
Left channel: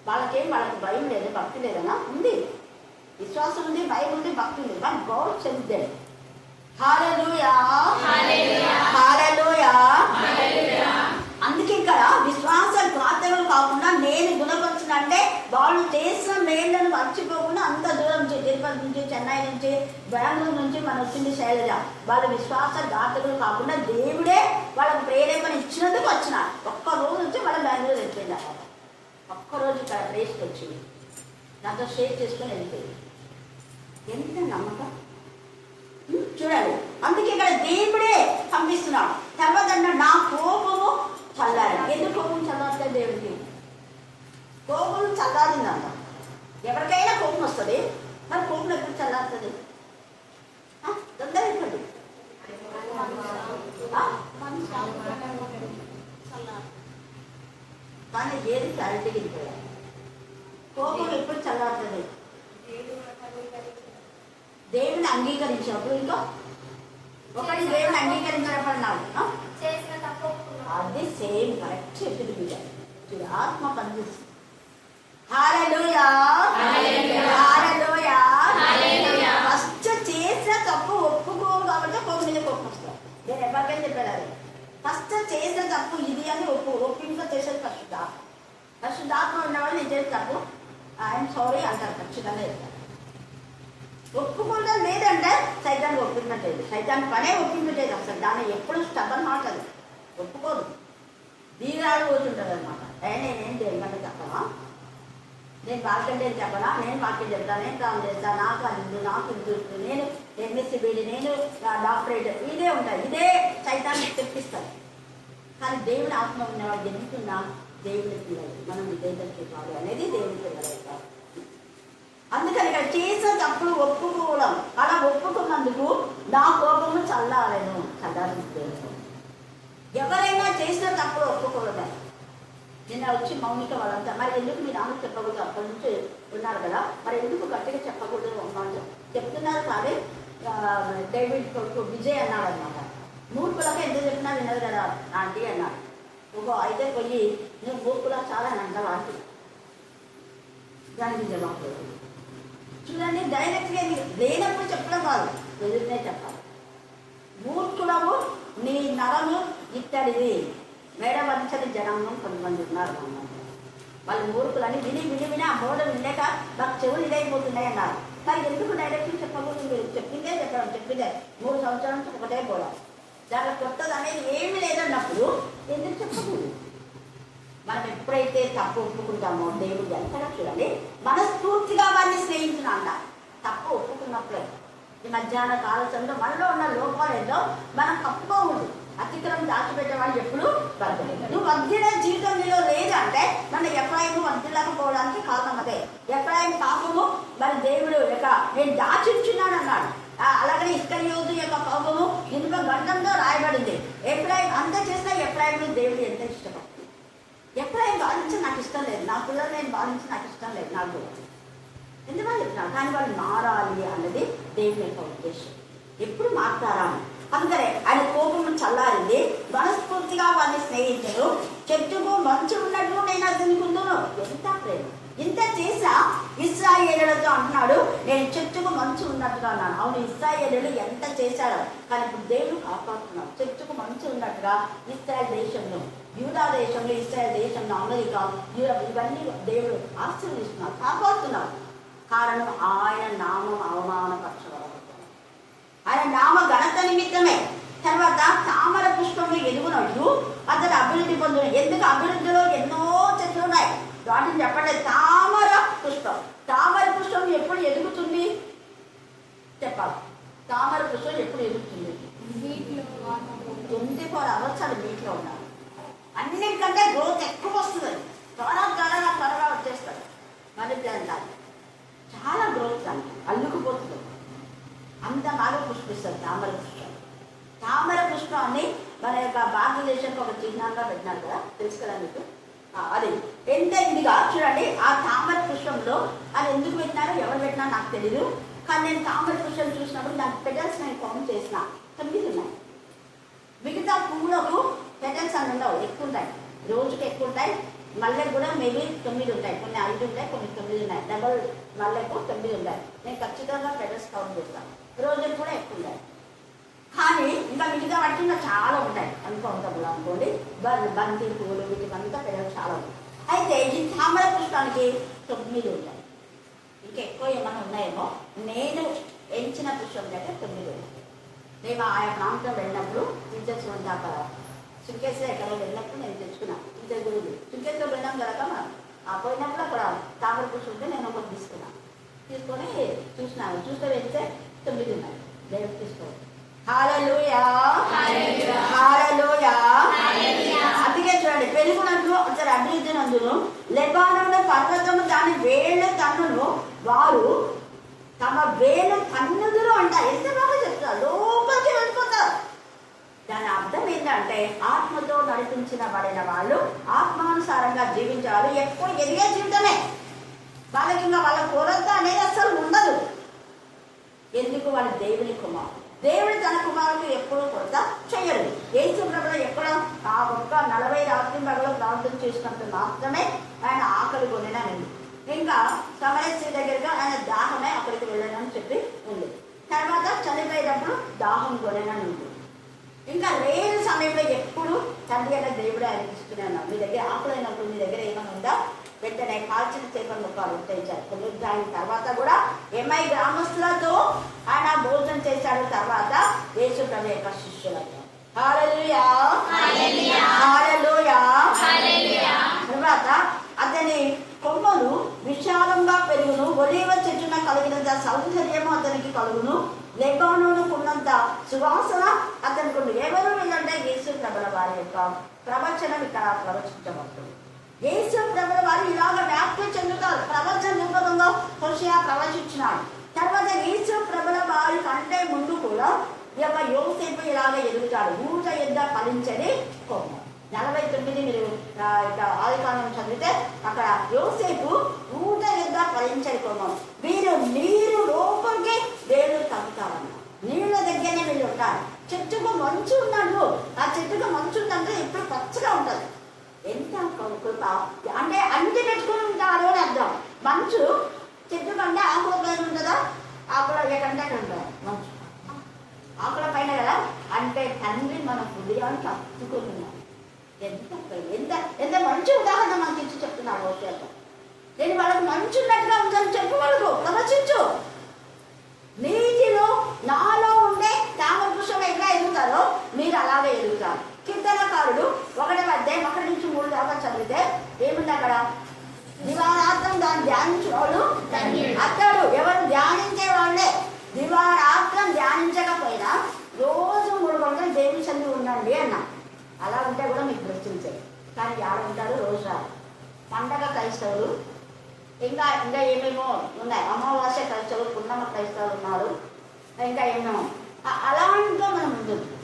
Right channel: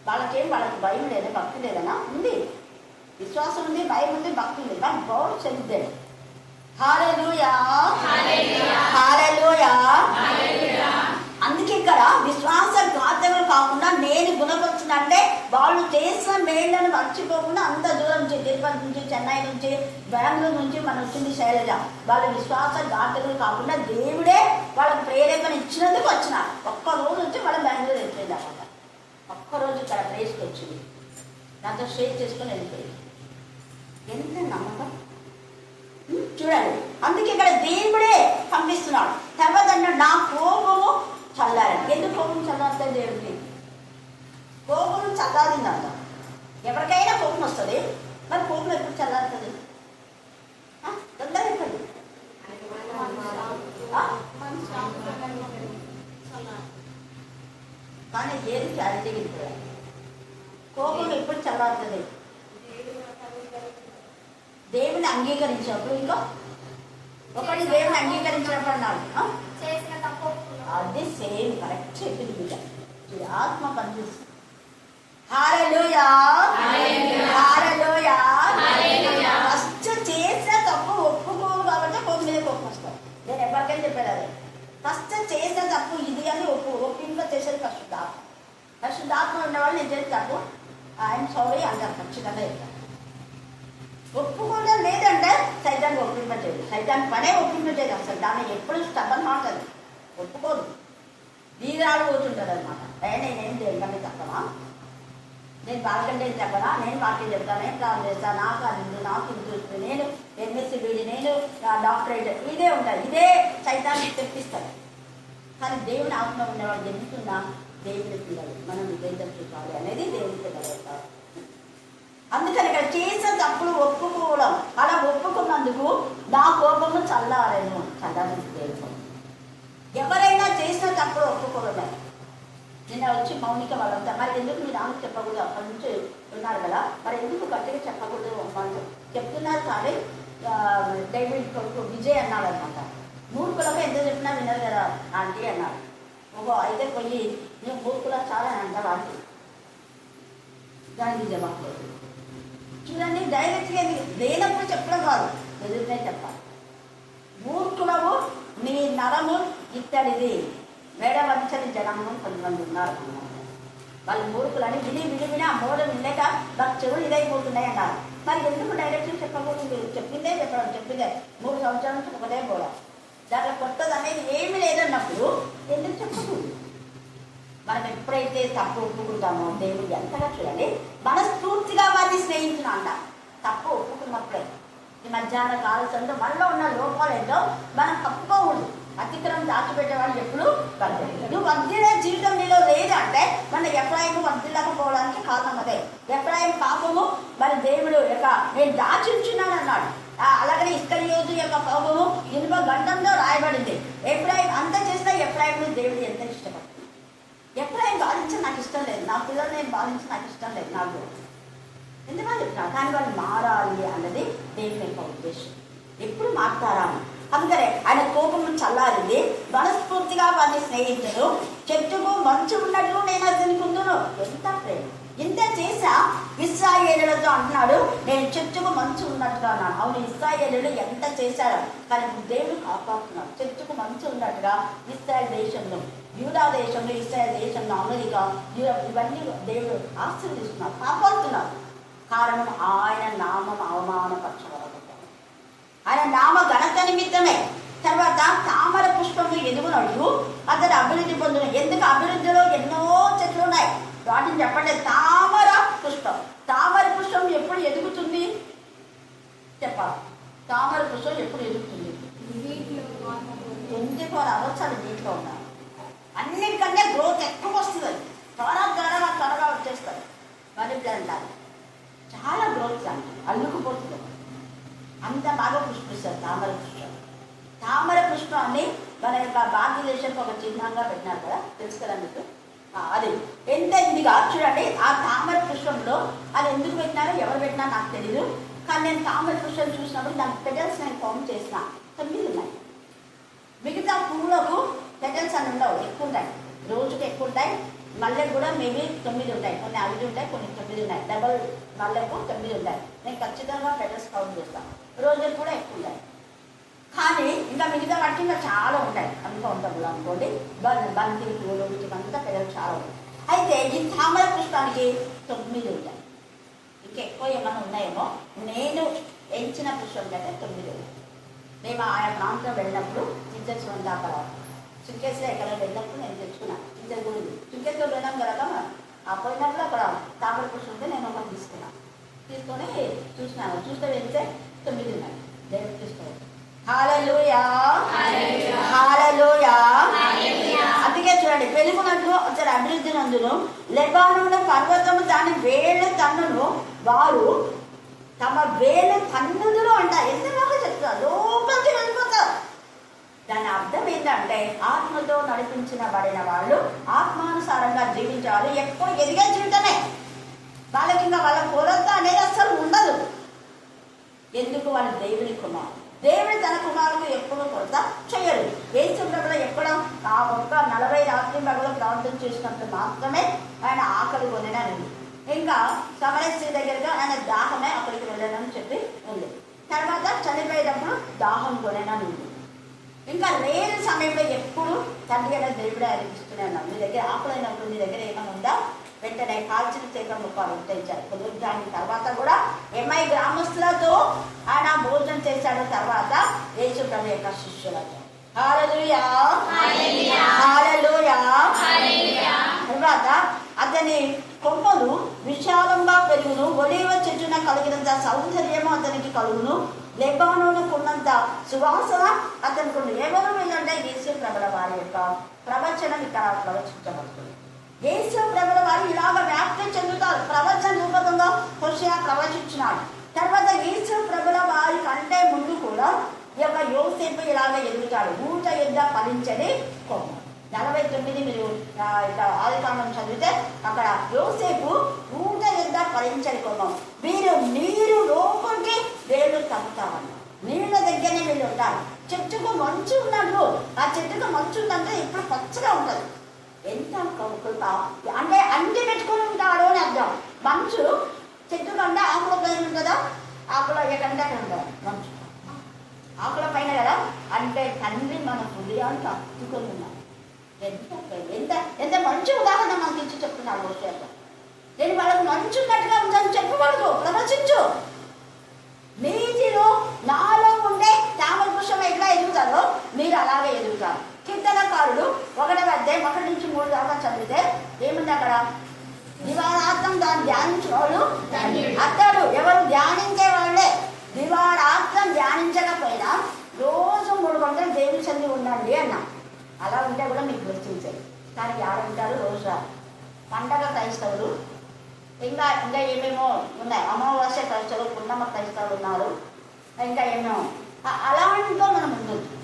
వాళ్ళకి భయం లేదు, భక్తి లేదనా? ఉంది, విశ్వాసం ఉంది, భయం ఉంది, భక్తి ఉంది. But God send them. హల్లెలూయా, హల్లెలూయా. అందుకే ఇక్కడ విశ్వాసఘాతకులు కాకుండా నేను గుణపరిచిన అంటే వాళ్ళు చేసిన మేళ్లను మర్చిపోకుండా అంత దూరం నుంచి, తిరుపతి నుంచి, చెన్నై నుంచి, బెంగళూరు నుంచి మన వచ్చింది శైలజ. వాళ్ళు విశ్వాసఘాతకులు కాకుండా దేవుడే వాళ్ళకి ప్రేరేపణ ఇచ్చినందుకు వచ్చిన. ఒక్కరోజు నుంచి వాళ్ళ బెంగళూరు వెళ్ళిపోయింది అన్నమాట. ఒక్కరోజు ఇక్కడ ప్లేస్కి వచ్చింది, నాతో షేర్ చేసుకొని వెళ్ళిపోయింది. ఎంత నమ్మకం చూడండి. అందుకే ఇక్కడ దేవుడే పంపిస్తున్నాడు. తర్వాత నా కోపము చల్లారి. ఎందుకు కోపం చల్లారితే దేవుడికి కోపం చల్లారిందంట. ఎవరికైనా కోపం వస్తుంది, మరి కోపం ఎప్పుడు చల్లారుతుంది? తొందరపడి కానీ ఏది క్లారిటీ వెళ్ళిపోయారు. కోపం ఎప్పుడు చల్లారుతుంది? దేవుని అంగీకరించినప్పుడు. ఇంకా ఒకటి దేవుని అంగీకరించినప్పుడు అన్నాడు, అది సేమ్ కరెక్ట్ చెప్పింది బిడ్డ. ఆత్మ పనిచేస్తుంది. హల్లెలూయా, హల్లెలూయా. ఫస్ట్ చేసిన తప్పు ఒప్పుకోవు కాబట్టి కోపం మీద కోపం వస్తాం. నేను ఎవరికైనా చెప్పాను అదే, ఫస్ట్ చేసిన తప్పు ఇది అని ఒప్పింపుగా చేసేది పరిశుద్ధాత్మ ఉన్నవాళ్ళు నేను చేసిన తప్పు ఐఎమ్ సారీ అంటారు, ఖచ్చితంగా చెప్తాను. ఒప్పుకోవడం లేదంటే సైతాన్ని ఒప్పింపలేదు. సైతాన్ని పనే ఒప్పింపలేదు. అసలు దాన్ని ఎప్పుడు స్టబన్ మాట్లాడదు, ఒప్పుకోదు, బీగాడు పోతుంటుంది అనమాట. నేనేం దేవుని చెప్పనా, నేను వాక్యం చెప్పనా, నేను వాక్యం చెప్తాను, నేను ప్లాన్ చేస్తాను, నాకు అది ఉంది, నాకు ఇది చూస్తుంది, నేను ఎంఎస్సీ బీడీ, నేను డాక్టరేట్, ఇదే ఉంటాయి. ఇదే సైతాన్ని తెప్పిస్తారు. కానీ దేవుని ఆత్మ ఉన్నవాడు ఎందుకున్నా దేవుని పిల్లలు మనం విధేయత చూపాలి అనేది దేవుని పిల్లలు. అందుకని ఇక్కడ చేసిన తప్పుడు ఒప్పుకోవడం, అలా ఒప్పుకున్నందుకు నా కోపము చల్లారేను. దేవుడు ఎవరైనా చేసిన తప్పుడు ఒప్పుకోవడమే. నిన్న వచ్చి మౌనిక వాళ్ళంతా, మరి ఎందుకు మీ నాన్న చెప్పకూడదు, అక్కడి నుంచి ఉన్నారు కదా, మరి ఎందుకు గట్టిగా చెప్పకూడదు చెప్తున్నారు. కానీ డేవిడ్ కొడుకు విజయ్ అన్నాడు అనమాట, మూర్ఖులకు ఎందుకు చెప్పినా వినరు కదా ఆంటీ అన్నాడు. అయితే పోయి నేను మూర్ఖులా చాలా అంటారు ఆంటీ. దానికి జవాబు లేదు. చూడండి, డైరెక్ట్గా లేనప్పుడు చెప్పడం కాదు, ఎదురునే చెప్పాలి. మూర్ఖులము నీ నరము ఇత్తడిది, మేడవంచని జనము కొంతమంది ఉన్నారు. వాళ్ళు మూర్ఖులని విని ఆ బోర్డు వినలేక నాకు చెవులు ఇదైపోతున్నాయి అన్నారు. మరి ఎందుకు డైరెక్ట్గా చెప్పకూడదు? చెప్పిందే చెప్పడం, చెప్పిందే 3 సంవత్సరాల నుంచి ఒకటే బోడ, దాంట్లో కొత్తది అనేది ఏమీ లేదన్నప్పుడు ఎందుకు చెప్పకూడదు? మనం ఎప్పుడైతే తప్పు ఒప్పుకుంటామో దేవుడు ఎంతగా చూడండి మనస్ఫూర్తిగా వారిని స్నేహితున్నా అంట. తప్పు ఒప్పుకున్నప్పుడే ఈ మధ్యాహ్న కాల సమయంలో మనలో ఉన్న లోపాలు ఏదో మనం తప్పుకోకూడదు. అతిక్రమం దాచిపెట్టే వాళ్ళు ఎప్పుడు వర్ధిల్లు. నువ్వు వర్ధిల్లే జీవితం నీలో లేదు అంటే మన ఎఫ్రాయిము వర్ధిల్లకపోవడానికి కారణం అదే. ఎఫ్రాయిము పాపము మరి దేవుడు యొక్క నేను దాచించున్నాను అన్నాడు. అలాగనే ఇస్కరియోతు యొక్క పాపము ఇనుప గంటంలో రాయబడింది. ఎఫ్రాయిం అంత చేసినా ఎఫ్రాయిం దేవుడు ఎంత ఇష్టపడుతుంది. ఎఫ్రాయిం బాధించి నాకు ఇష్టం లేదు, నా పిల్లలు నేను బాధించి నాకు ఇష్టం లేదు, నాకు ఎందువల్ల చెప్తున్నా, కానీ వాళ్ళు మారాలి అన్నది దేవుని యొక్క ఉద్దేశం. ఎప్పుడు మారుతారా? అందుకనే ఆయన కోపం చల్లారింది, మనస్ఫూర్తిగా వారిని స్నేహితులు. చెట్టుకు మంచు ఉన్నట్లు నేను అతని కుందును. ఎంత ప్రేమ! ఇంత చేసా ఇశ్రాయేలులతో అంటున్నాడు, నేను చెట్టుకు మంచు ఉన్నట్టుగా అన్నాను. అవును, ఇశ్రాయేలులు ఎంత చేశారో, కానీ ఇప్పుడు దేవుడు కాపాడుతున్నాడు. చెట్టుకు మంచు ఉన్నట్టుగా ఇశ్రాయేల్ దేశంలో, యూదా దేశంలో, ఇశ్రాయేల్ దేశంలో, అమెరికా, యూరప్ ఇవన్నీ దేవుడు ఆశీర్వదిస్తున్నాడు, కాపాడుతున్నాడు. కారణం ఆయన నామం అవమానపరచబడదు, ఆయన నామ ఘనత నిమిత్తమే. తర్వాత తామర పుష్పము ఎదుగునట్లు అతడు అభివృద్ధి పొందును. ఎందుకు? అభివృద్ధిలో ఎన్నో చెట్లు ఉన్నాయి, వాటిని చెప్పండి. తామర పుష్పం, తామర పుష్పం ఎప్పుడు ఎదుగుతుంది చెప్పాలి. తామర పుష్పం ఎప్పుడు ఎదుగుతుంది? 24 hours అది నీటిలో ఉండాలి. అన్నిటికంటే గ్రోత్ ఎక్కువ వస్తుంది, త్వరగా వచ్చేస్తుంది. మనీ ప్లాంట్ అది చాలా గ్రోత్ అంటే అల్లుకుపోతుంది, అంత బాగా పుష్పిస్తుంది తామర పుష్పం. తామర పుష్పాన్ని మన యొక్క భారతదేశానికి ఒక చిహ్నంగా పెట్టినారు కదా, తెలుసు కదా మీకు. అది ఎంత ఇదిగా చూడండి. ఆ తామర పుష్పంలో అది ఎందుకు పెట్టినారో ఎవరు పెట్టినా నాకు తెలీదు, కానీ నేను తామర పుష్పం చూసినప్పుడు దాని పెటల్స్ నేను కౌంట్ చేసిన 9 ఉన్నాయి. మిగతా పువ్వులకు పెటల్స్ అని ఉండవు, ఎక్కువ ఉంటాయి, రోజుకి ఎక్కువ ఉంటాయి. మల్లెకు కూడా మేబీ 9 ఉంటాయి, కొన్ని 5 ఉంటాయి, కొన్ని 9 ఉన్నాయి. డబల్ మల్లెకు 9 ఉంటాయి. నేను ఖచ్చితంగా పెటల్స్ కౌంట్ చేస్తాను. రోజుకి కూడా ఎక్కువ ఉంటాయి, కానీ ఇంకా మిగతా వాటికి ఇంకా చాలా ఉంటాయి అన్కౌంటబుల్ అనుకోండి. బంతి పువ్వులు వీటికంతా పెటల్స్ చాలా ఉంటాయి. అయితే ఈ తామర పుష్పానికి 9 ఉంటాయి. ఇంకెక్కువ ఏమైనా ఉన్నాయేమో. నేను ఎంచిన పుష్పం అయితే 9 ఉన్నాయి. మేము ఆయా ప్రాంతం వెళ్ళినప్పుడు టీచర్స్ అక్కడ చుంకేశ్వర ఎక్కడ వెళ్ళినప్పుడు నేను తెచ్చుకున్నాను. టీచర్ గురించి చుంకేశ్వర వెళ్ళాం కదా మనం, ఆ పోయినప్పుడు అక్కడ తామర పుష్పం ఉంటే నేను ఒకటి తీసుకున్నాను. తీసుకొని చూసినాను, చూస్తే వెళ్తే 9 ఉన్నాయి. దేవుడు తీసుకోవాలి. హల్లెలూయా, హల్లెలూయా. అందుకే చూడండి, పెరుగునట్లు అతడు అభివృద్ధి నందును, లెబానోను పర్వతము దాని వేళ్ళు తన్నును, వారు తమ వేలు తన్నుదురు అంట. ఎంత బాగా చెప్తారు, లోపలికి వెళ్ళిపోతారు. దాని అర్థం ఏంటంటే ఆత్మతో నడిపించబడిన వాళ్ళు ఆత్మానుసారంగా జీవించాలి. ఎక్కువ ఎదిగే జీవితమే వాళ్ళకి, ఇంకా వాళ్ళ కొరత అనేది అసలు ఉండదు. ఎందుకు? వాళ్ళ దేవుని కుమారు, దేవుడు తన కుమారులకు ఎప్పుడూ కొరత చేయడు. యేసు ప్రభువు ఎక్కడ ఆ ఒక్క 40 రాత్రి పగలు ప్రార్థన చేసినప్పుడు మాత్రమే ఆయన ఆకలి కొనేనని, ఇంకా సమరయ స్త్రీ దగ్గరగా ఆయన దాహమే అక్కడికి వెళ్ళానని చెప్పి ఉంది. తర్వాత చనిపోయేటప్పుడు దాహం కొనేనని ఉంది. ఇంకా లేని సమయంలో ఎప్పుడు తండ్రి అయిన దేవుడు ఆయన ఇస్తూనే ఉన్నాడు. మీ దగ్గర ఆకులు అయినప్పుడు మీ దగ్గర ఏమైనా ఉందా, వెంటనే కాల్చిన చేప ముక్కలు తెచ్చారు. పునరుద్ధానం తర్వాత కూడా ఎంఐ గ్రామస్తులతో ఆయన భోజనం చేశాడు. తర్వాత యేసు ప్రభు యొక్క శిష్యులతో. హల్లెలూయా, హల్లెలూయా. తర్వాత అతని కొమ్మలు విశాలంగా పెరుగును, ఒలీవ చెట్టున కలిగినంత సౌందర్యము అతనికి కలుగును, లెబానోనుకున్నంత సువాసన అతనికి ఉంది. ఎవరు వెళ్ళంటే యేసు ప్రభుల వారి యొక్క ప్రవచనం ఇక్కడ ప్రవచించబడుతుంది. యేసు ప్రభుల వారు ఇలాగ వ్యాప్తి చెందుతారు. ప్రవచన రూపంలో హోషేయ ప్రవచించినాడు. తర్వాత యేసు ప్రభుల వారి కంటే ముందు కూడా ఈ యొక్క యోసేపు ఇలాగ ఎదుగుతాడు. ఊట ఎద్ద ఫలించని కొమ్మ. 49 మీరు ఆదికాండం చదివితే అక్కడ యోసేపు ఊట ఎద్ద ఫలించని కొమ్మ. వీరు నీరు లోపలికి వేళ్ళు తగ్గుతారన్న, నీళ్ళ దగ్గరనే వీళ్ళు ఉంటారు. చెట్టుకు మంచు ఉన్నాడు, ఆ చెట్టుకు మంచు ఉందంటే ఇప్పుడు పచ్చగా ఉంటుంది. ఎంత కృప అంటే అన్ని పెట్టుకుని ఉంటాడు అని అర్థం. మంచు చెట్టు కంటే ఆకుల పైన ఉంటుందా, ఆకుల ఎకంటే అక్కడ ఉంటుంది మంచు ఆకుల పైన కదా. అంటే తండ్రి మన హృదయానికి అత్తుకొని ఉన్నాడు. ఎంత ఎంత మంచి ఉదాహరణ మనకి ఇచ్చి చెప్తున్నాడు హోషేయ. నేను వాళ్ళకి మంచు ఉన్నట్టుగా ఉందని చెప్పకూడదు, ప్రవచించు. నీటిలో నాలో ఉండే తామర పుష్పం ఎట్లా ఎదుగుతారో మీరు అలాగే ఎదుగుతారు. కీర్తనకారుడు 1వ అధ్యాయం 1 నుంచి 3 దాకా చదివితే ఏముంది అక్కడ? దివారాత్రం దాన్ని ధ్యానించేవాళ్ళు అతడు. ఎవరు ధ్యానించే వాళ్ళే. దివారాత్రం ధ్యానించకపోయినా రోజు 3 గంటలు దేవుని సన్ని ఉండండి అన్నా. అలా ఉంటే కూడా మీకు గుర్తించారు. కానీ ఉంటారు రోజు పండగ క్రైస్తవులు, ఇంకా ఏమేమో ఉన్నాయి. అమావాస్య క్రైస్తవులు, పున్నమ క్రైస్తవులు ఉన్నారు. ఇంకా ఏమో అలాంటితో మనం ఉండొచ్చు.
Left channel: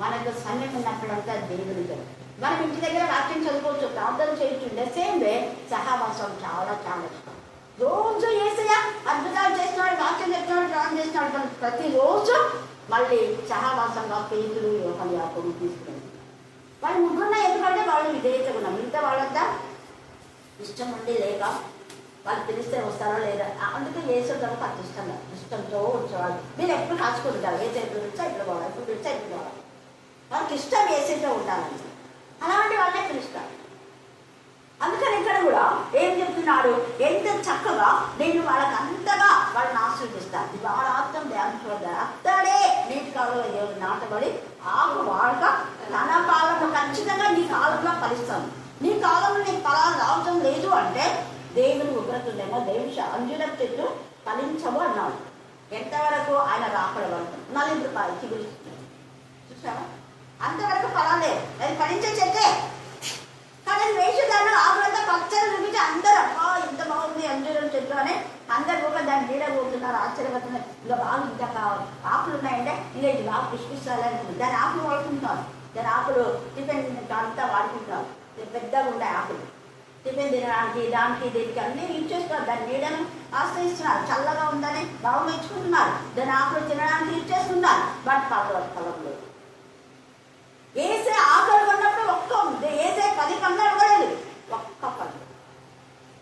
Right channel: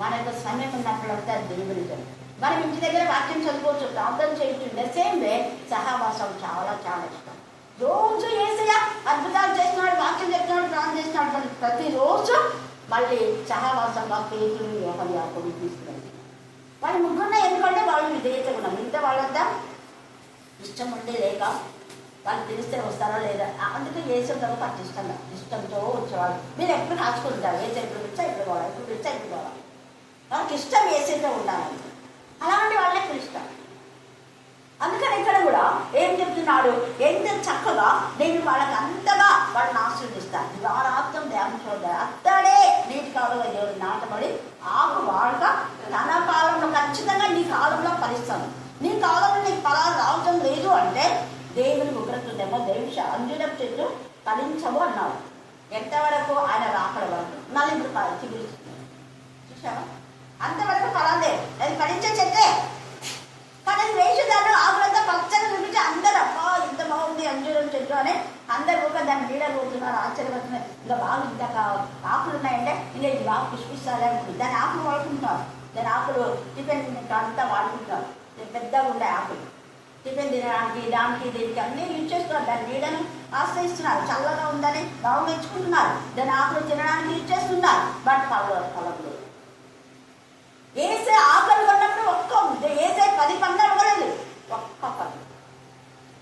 మనకు సమయం ఉన్నప్పుడంతా దేవుడి మనం ఇంటి దగ్గర వాక్యం చదువుకోవచ్చు, ప్రార్థన చేయొచ్చు. సేమ్ వే సహవాసం చాలా చాలా ఇష్టం. రోజు ఏసయ్య అద్భుతాలు చేస్తున్నాడు, వాక్యం చెప్తున్నాడు, ప్రార్థన చేస్తున్నాడు, కానీ ప్రతిరోజు మళ్ళీ సహవాసంగా పేతులు, యోహాను, యాకోబు తీసుకున్నాడు. వాళ్ళు ముగ్గురున్న ఎందుకంటే వాళ్ళు విధేయతగా ఉన్నారు. మిగతా వాళ్ళంతా ఇష్టం ఉండి లేక వాళ్ళు తెలిస్తే వస్తారా లేదా, అందుకే ఏసు తర్వాత అటు ఇష్టంతో వచ్చేవాళ్ళు. మీరు ఎప్పుడు కాచుకుంటారు, ఏసే ఎప్పుడు పిచ్చా ఇప్పుడు కావాలి, ఎప్పుడు పిచ్చా ఇప్పుడు కావాలి. వాళ్ళకి ఇష్టం ఏసైతే ఉండాలి. అలాంటి వాళ్ళే పిలుస్తారు. అందుకని ఇక్కడ కూడా ఏం చెప్తున్నాడు, ఎంత చక్కగా నేను వాళ్ళకి అంతగా వాళ్ళని ఆశీర్దిస్తాను. దివారాత్రం ధ్యానం చూడాలి. అత్తడే నీటి కాలంలో దేవుడు నాటబడి ఆకు వాడక తన కాలంలో ఖచ్చితంగా నీ కాలంలో ఫలిస్తాను. నీ కాలంలో నీకు ఫలాలు రావటం లేదు అంటే దేవుని ఉగ్రత ఉందేమో. దేవుడి అంజులం చెట్టు ఫలించవు అన్నాడు. ఎంతవరకు ఆయన రాకడ వరకు నలుగురు పైకి పిలుస్తున్నాడు. చూసావా, అంతవరకు ఫలాలే, అది ఫలించే చెట్టే. కానీ వేసేదాన్ని ఆకులంతా పచ్చగా చూపించి అందరూ అబ్బా ఇంత బాగుంది అంజూరం చెట్టు అని అందరు కూడా దాన్ని నీడలు పోతున్నారు, ఆశ్చర్యపోతున్నారు. ఇంకా బాగా ఇంత ఆకులు ఉన్నాయంటే ఇంకా ఇది బాగా పుష్పిస్తాలే ఉంటుంది. దాని ఆకులు వాడుకుంటున్నారు, దాని ఆకులు టిఫిన్ అంతా వాడుకుంటున్నారు. పెద్దగా ఉండే ఆకులు టిఫిన్ తినడానికి, దానికి దీనికి అన్నీ యూజ్ చేస్తున్నారు. దాని నీడని ఆశ్రయిస్తున్నారు. చల్లగా ఉందని బాగా మెచ్చుకుంటున్నారు. దాని ఆకులు తినడానికి యూజ్ చేస్తున్నారు. బట్ ఫలం లేదు. ఏసే ఆకలి కొన్నప్పుడు ఏసే 10 పండ్లు అడగలేదు, ఒక్క పండు.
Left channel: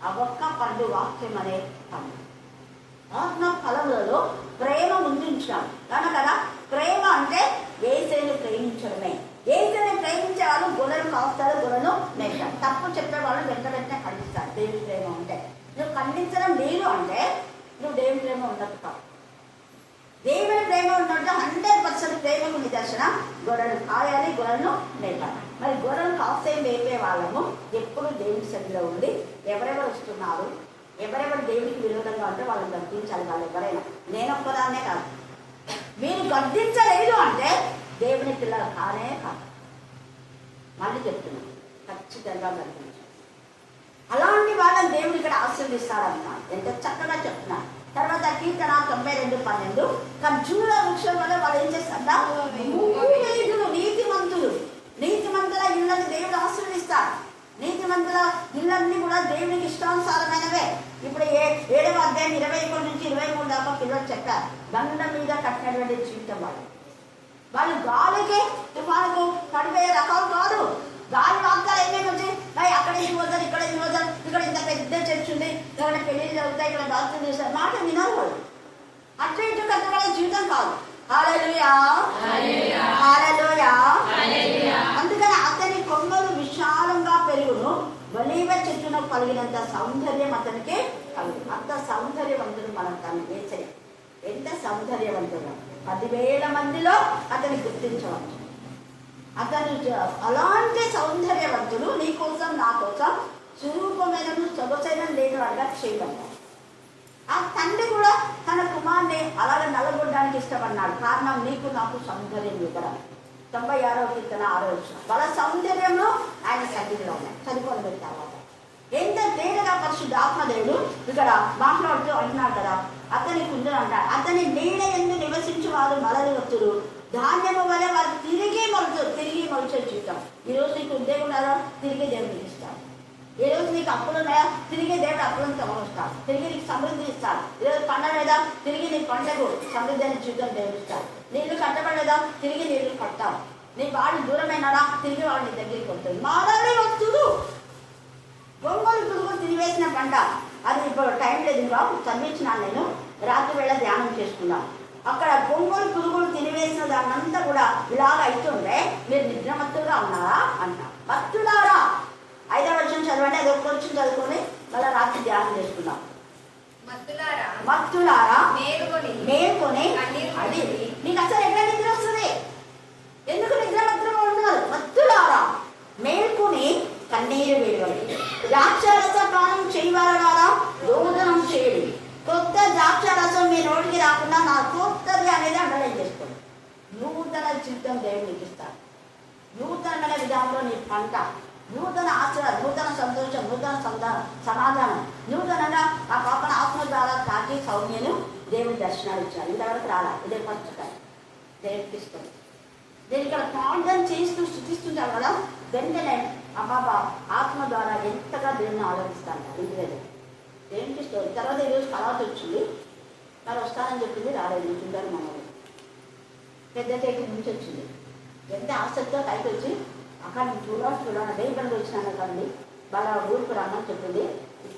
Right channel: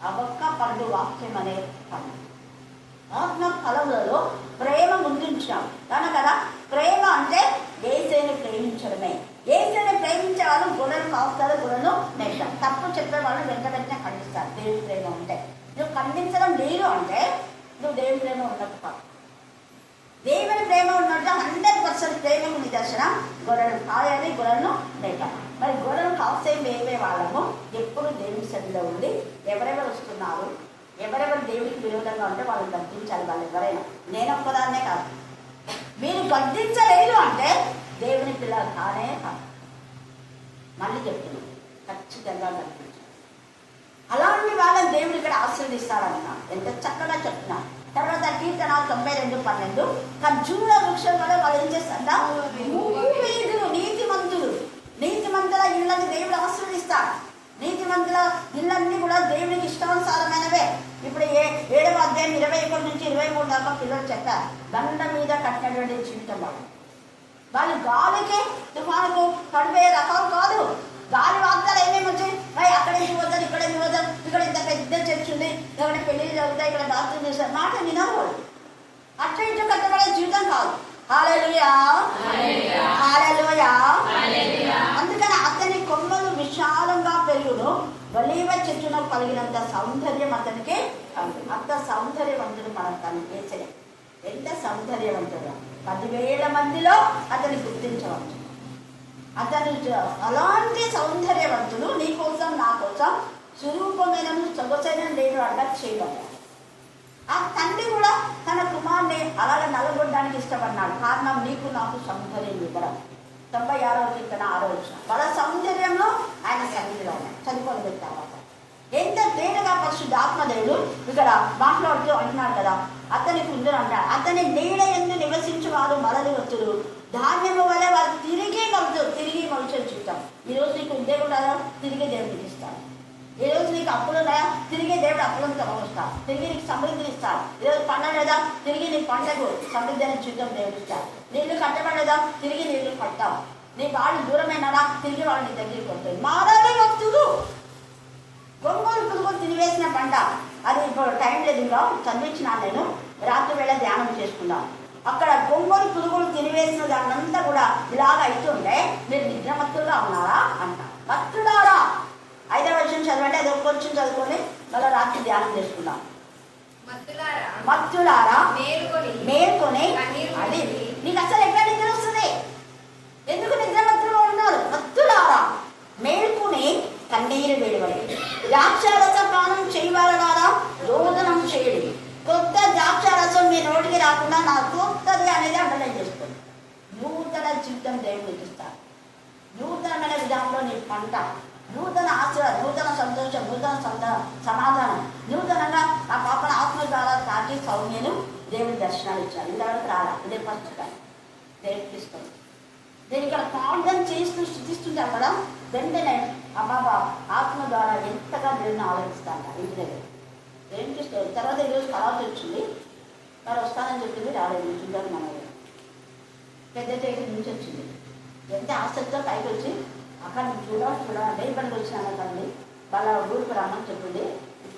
ఆ ఒక్క పండు వాక్యం అనే పండు. ఆత్మ ఫలములలో ప్రేమ ముందుంచాం కదా. ప్రేమ అంటే ఏసేని ప్రేమించడమే. ఏసేని ప్రేమించే వాళ్ళు గొర్రెలు కాస్తారు, గొర్రెలు మేషం. తప్పు చెప్పే వాళ్ళు వెంటనే ఖండిస్తారు. దేవుని ప్రేమ అంటే నువ్వు ఖండించడం లేదు అంటే నువ్వు దేవుని ప్రేమ ఉండదు కాదు. దేవుని ప్రేమ ఉన్నట్టు 100% ప్రేమకు నిదర్శనం గొర్రెలు కాయాలి, గొర్రెలను మేపాలి. మరి గొర్రెలు కాసే మేపే వాళ్ళము ఎప్పుడు దేవుని సన్నిధిలో ఉండి ఎవరెవరు వస్తున్నారు, ఎవరెవరు దేవుడికి విరోధంగా ఉంటే వాళ్ళని గద్దించాలి. వాళ్ళు ఎవరైనా, నేను ఒక్కదాన్నే కాదు. మీరు గద్దించలేదు అంటే దేవుని పిల్లలు కానే కాదు. మళ్ళీ చెప్తున్నాను, ఖచ్చితంగా గద్దించాలి. అలాంటి వాళ్ళని దేవుడు ఇక్కడ ఆశీర్దిస్తాడన్నాడు. ఎంత చక్కగా చెప్తున్నాను. తర్వాత కీర్తన 92:12 ఖర్జూర వృక్షం వల్ల వాళ్ళు ఏం చేస్తారా, నీతిమంతుల ఇళ్ళని దేవుడు ఆశీర్వదిస్తాడు. నీతిమంతుల ఇళ్ళన్నీ కూడా దేవునికి ఇష్టానుసారమైనవే. ఇప్పుడు 7వ అధ్యాయం 21 నుంచి 23 దాకా పిల్లలు చెప్పారు. దండ మీద కట్టినటువంటి జీవితం వాళ్ళు గాలికి తుఫానుకు పడిపోయే రకాలు కాదు. గాలి వాగ్దాలు ఏమేమి వచ్చాయి, అక్కడ ఇది వద్దారు, ఇక్కడ ఇది వద్దారు, ఇక్కడ ఇంత పెద్ద చర్చ్ ఉంది, ఇక్కడ పెళ్లి జరుగుతాయి, ఇక్కడ డాక్టర్ చేస్తారు, మాట వినాలి వాళ్ళు. అట్లా ఇట్లా కట్టబడే జీవితం కాదు. హల్లెలూయా, హల్లెలూయా. అందుకని అతని కొమ్మలు విశాలంగా పెరుగును, ఒలీవ చెట్టును కలిగినంత సౌందర్యం అతనికి కలుగు. అంత సౌందర్యవంతుడు మనం తను వేసే. ఎంత సౌందర్యవంతుడు, 10,000 మందిలో అతన్ని గుర్తించవచ్చు. అతను అలాంటి సౌందర్యవంతుడు నీ కోసం నా కోసం స్వరూపమైన సొగసైన నేను అడగ చేయబడ్డాడు. ఆ తండ్రి కూడా తన కుమార్ని అలాగే నలగొట్టడానికి ఇష్టపడినాడు. కారణం నీకు నాకు సౌందర్యం ఇవ్వడం. 96వ కీర్తన 6వ వచనం. వాళ్ళ సౌందర్యంలో ఆయన సన్నిధిలో ఉన్నాయి. చదువుకొని పెట్టారు. ఎంత తేటగా పరిశుద్ధ ఆత్మదేవుడు ఇక్కడ మాట్లాడుతూ అంటున్నాడు కదా, అతని కుందులు అంటాడు. అతని నీడ ఎందు నివసించు వారు మరలి వచ్చురు, ధాన్యము వల్ల వారు తిరిగి మలుచే జీవితం. ఈరోజు నీకు ఉద్యోగం ఉన్నారా, తిరిగి దేవుడికి ఇస్తాడు. ఈ రోజు నీకు అప్పులు ఉన్నాయా, తిరిగి దేవుడు అప్పులను తమలుస్తాడు. తిరిగి నీకు సమృద్ధి ఇస్తాడు. ఈరోజు పండగ లేదా, తిరిగి నీ పంటకు సమృద్ధి అనే జీవితం దేవుడు ఇస్తాడు. నీళ్లు కట్టబడలేదా, తిరిగి నీళ్లు కట్టావు. నీ వాళ్ళు దూరమైనారా, తిరిగి వాళ్ళు నీ దగ్గరికి వస్తుంది. మారాలి వస్తుడు. గొంగోలు పురుగులు తినివేసిన పంట, అది ఇప్పుడు టైం లేదు, ఇంకా చదివించినాను నేను. రాత్రి వేళ ధ్యానం చేసుకున్నాం. అక్కడ గొంగోలు పురుగులు తినివేసిన దాన్నంతా కూడా ఇలాగ అవుతుండే మీరు నిద్రమత్తుగా ఉన్నారా అంట. భక్తులారా, 5వ వచనం చదవండి. అది కొంచెం చదువుకొని మళ్ళీ రాత్రి ధ్యానం చేసుకున్నాం. భక్తులారా మేల్కొని, అది నీకు అసలు ఎక్కడ నిద్ర వస్తుంది, ఎందుకు నిద్రమత్తుగా ఉన్నారు? భక్తులారా మేల్కొని కన్నీరు వేడవడి, ద్రాక్షారస పానం చేయవారా రోదనం చేయడు. కొత్త ద్రాక్షారసం మీ నోటికి రాకుండా నా కొత్తది అనేది అండర్లైన్ చేసుకోండి. నూతన జీవితం దేవుడికి ఇస్తారు. నూతనమైన విధానంలో నీ పంట నూతన ఆశీర్వాదం, నూతన సంతోషం, నూతన సమాధానం, నూతనంగా ఆ పాపను ఆత్మ ద్వారా తాకి సౌమ్యను దేవుని దర్శనాలు ఇచ్చాడు. ఇంతవరకు రాలా, ఇదే ఫస్ట్ టైం దేవుడికి ఇష్టం. నేను ఇక్కడ ప్రార్థన చేస్తూ స్థుతిస్తుంటాను కదా, వెంటనే ఆ బాబా ఆత్మ ద్వారా ఎంతగా దేవుని ఆలోచిస్తాను ఇంటి దగ్గర. దేవునికి ఇష్టం. తర్వాత ఈరోజు కళాత వచ్చింది, వాళ్ళు వస్తానని చెప్పింది, రాలేదు. చూడాలి మన పెద్ద చేతి నుంచి వచ్చింది. ఎంత ఆసక్తితో పైకి వచ్చి అక్కడ చూడాలంటే ఇబ్బంది వచ్చినాను కండి, వాళ్ళ ఊరికి రమ్మని చెప్పింది.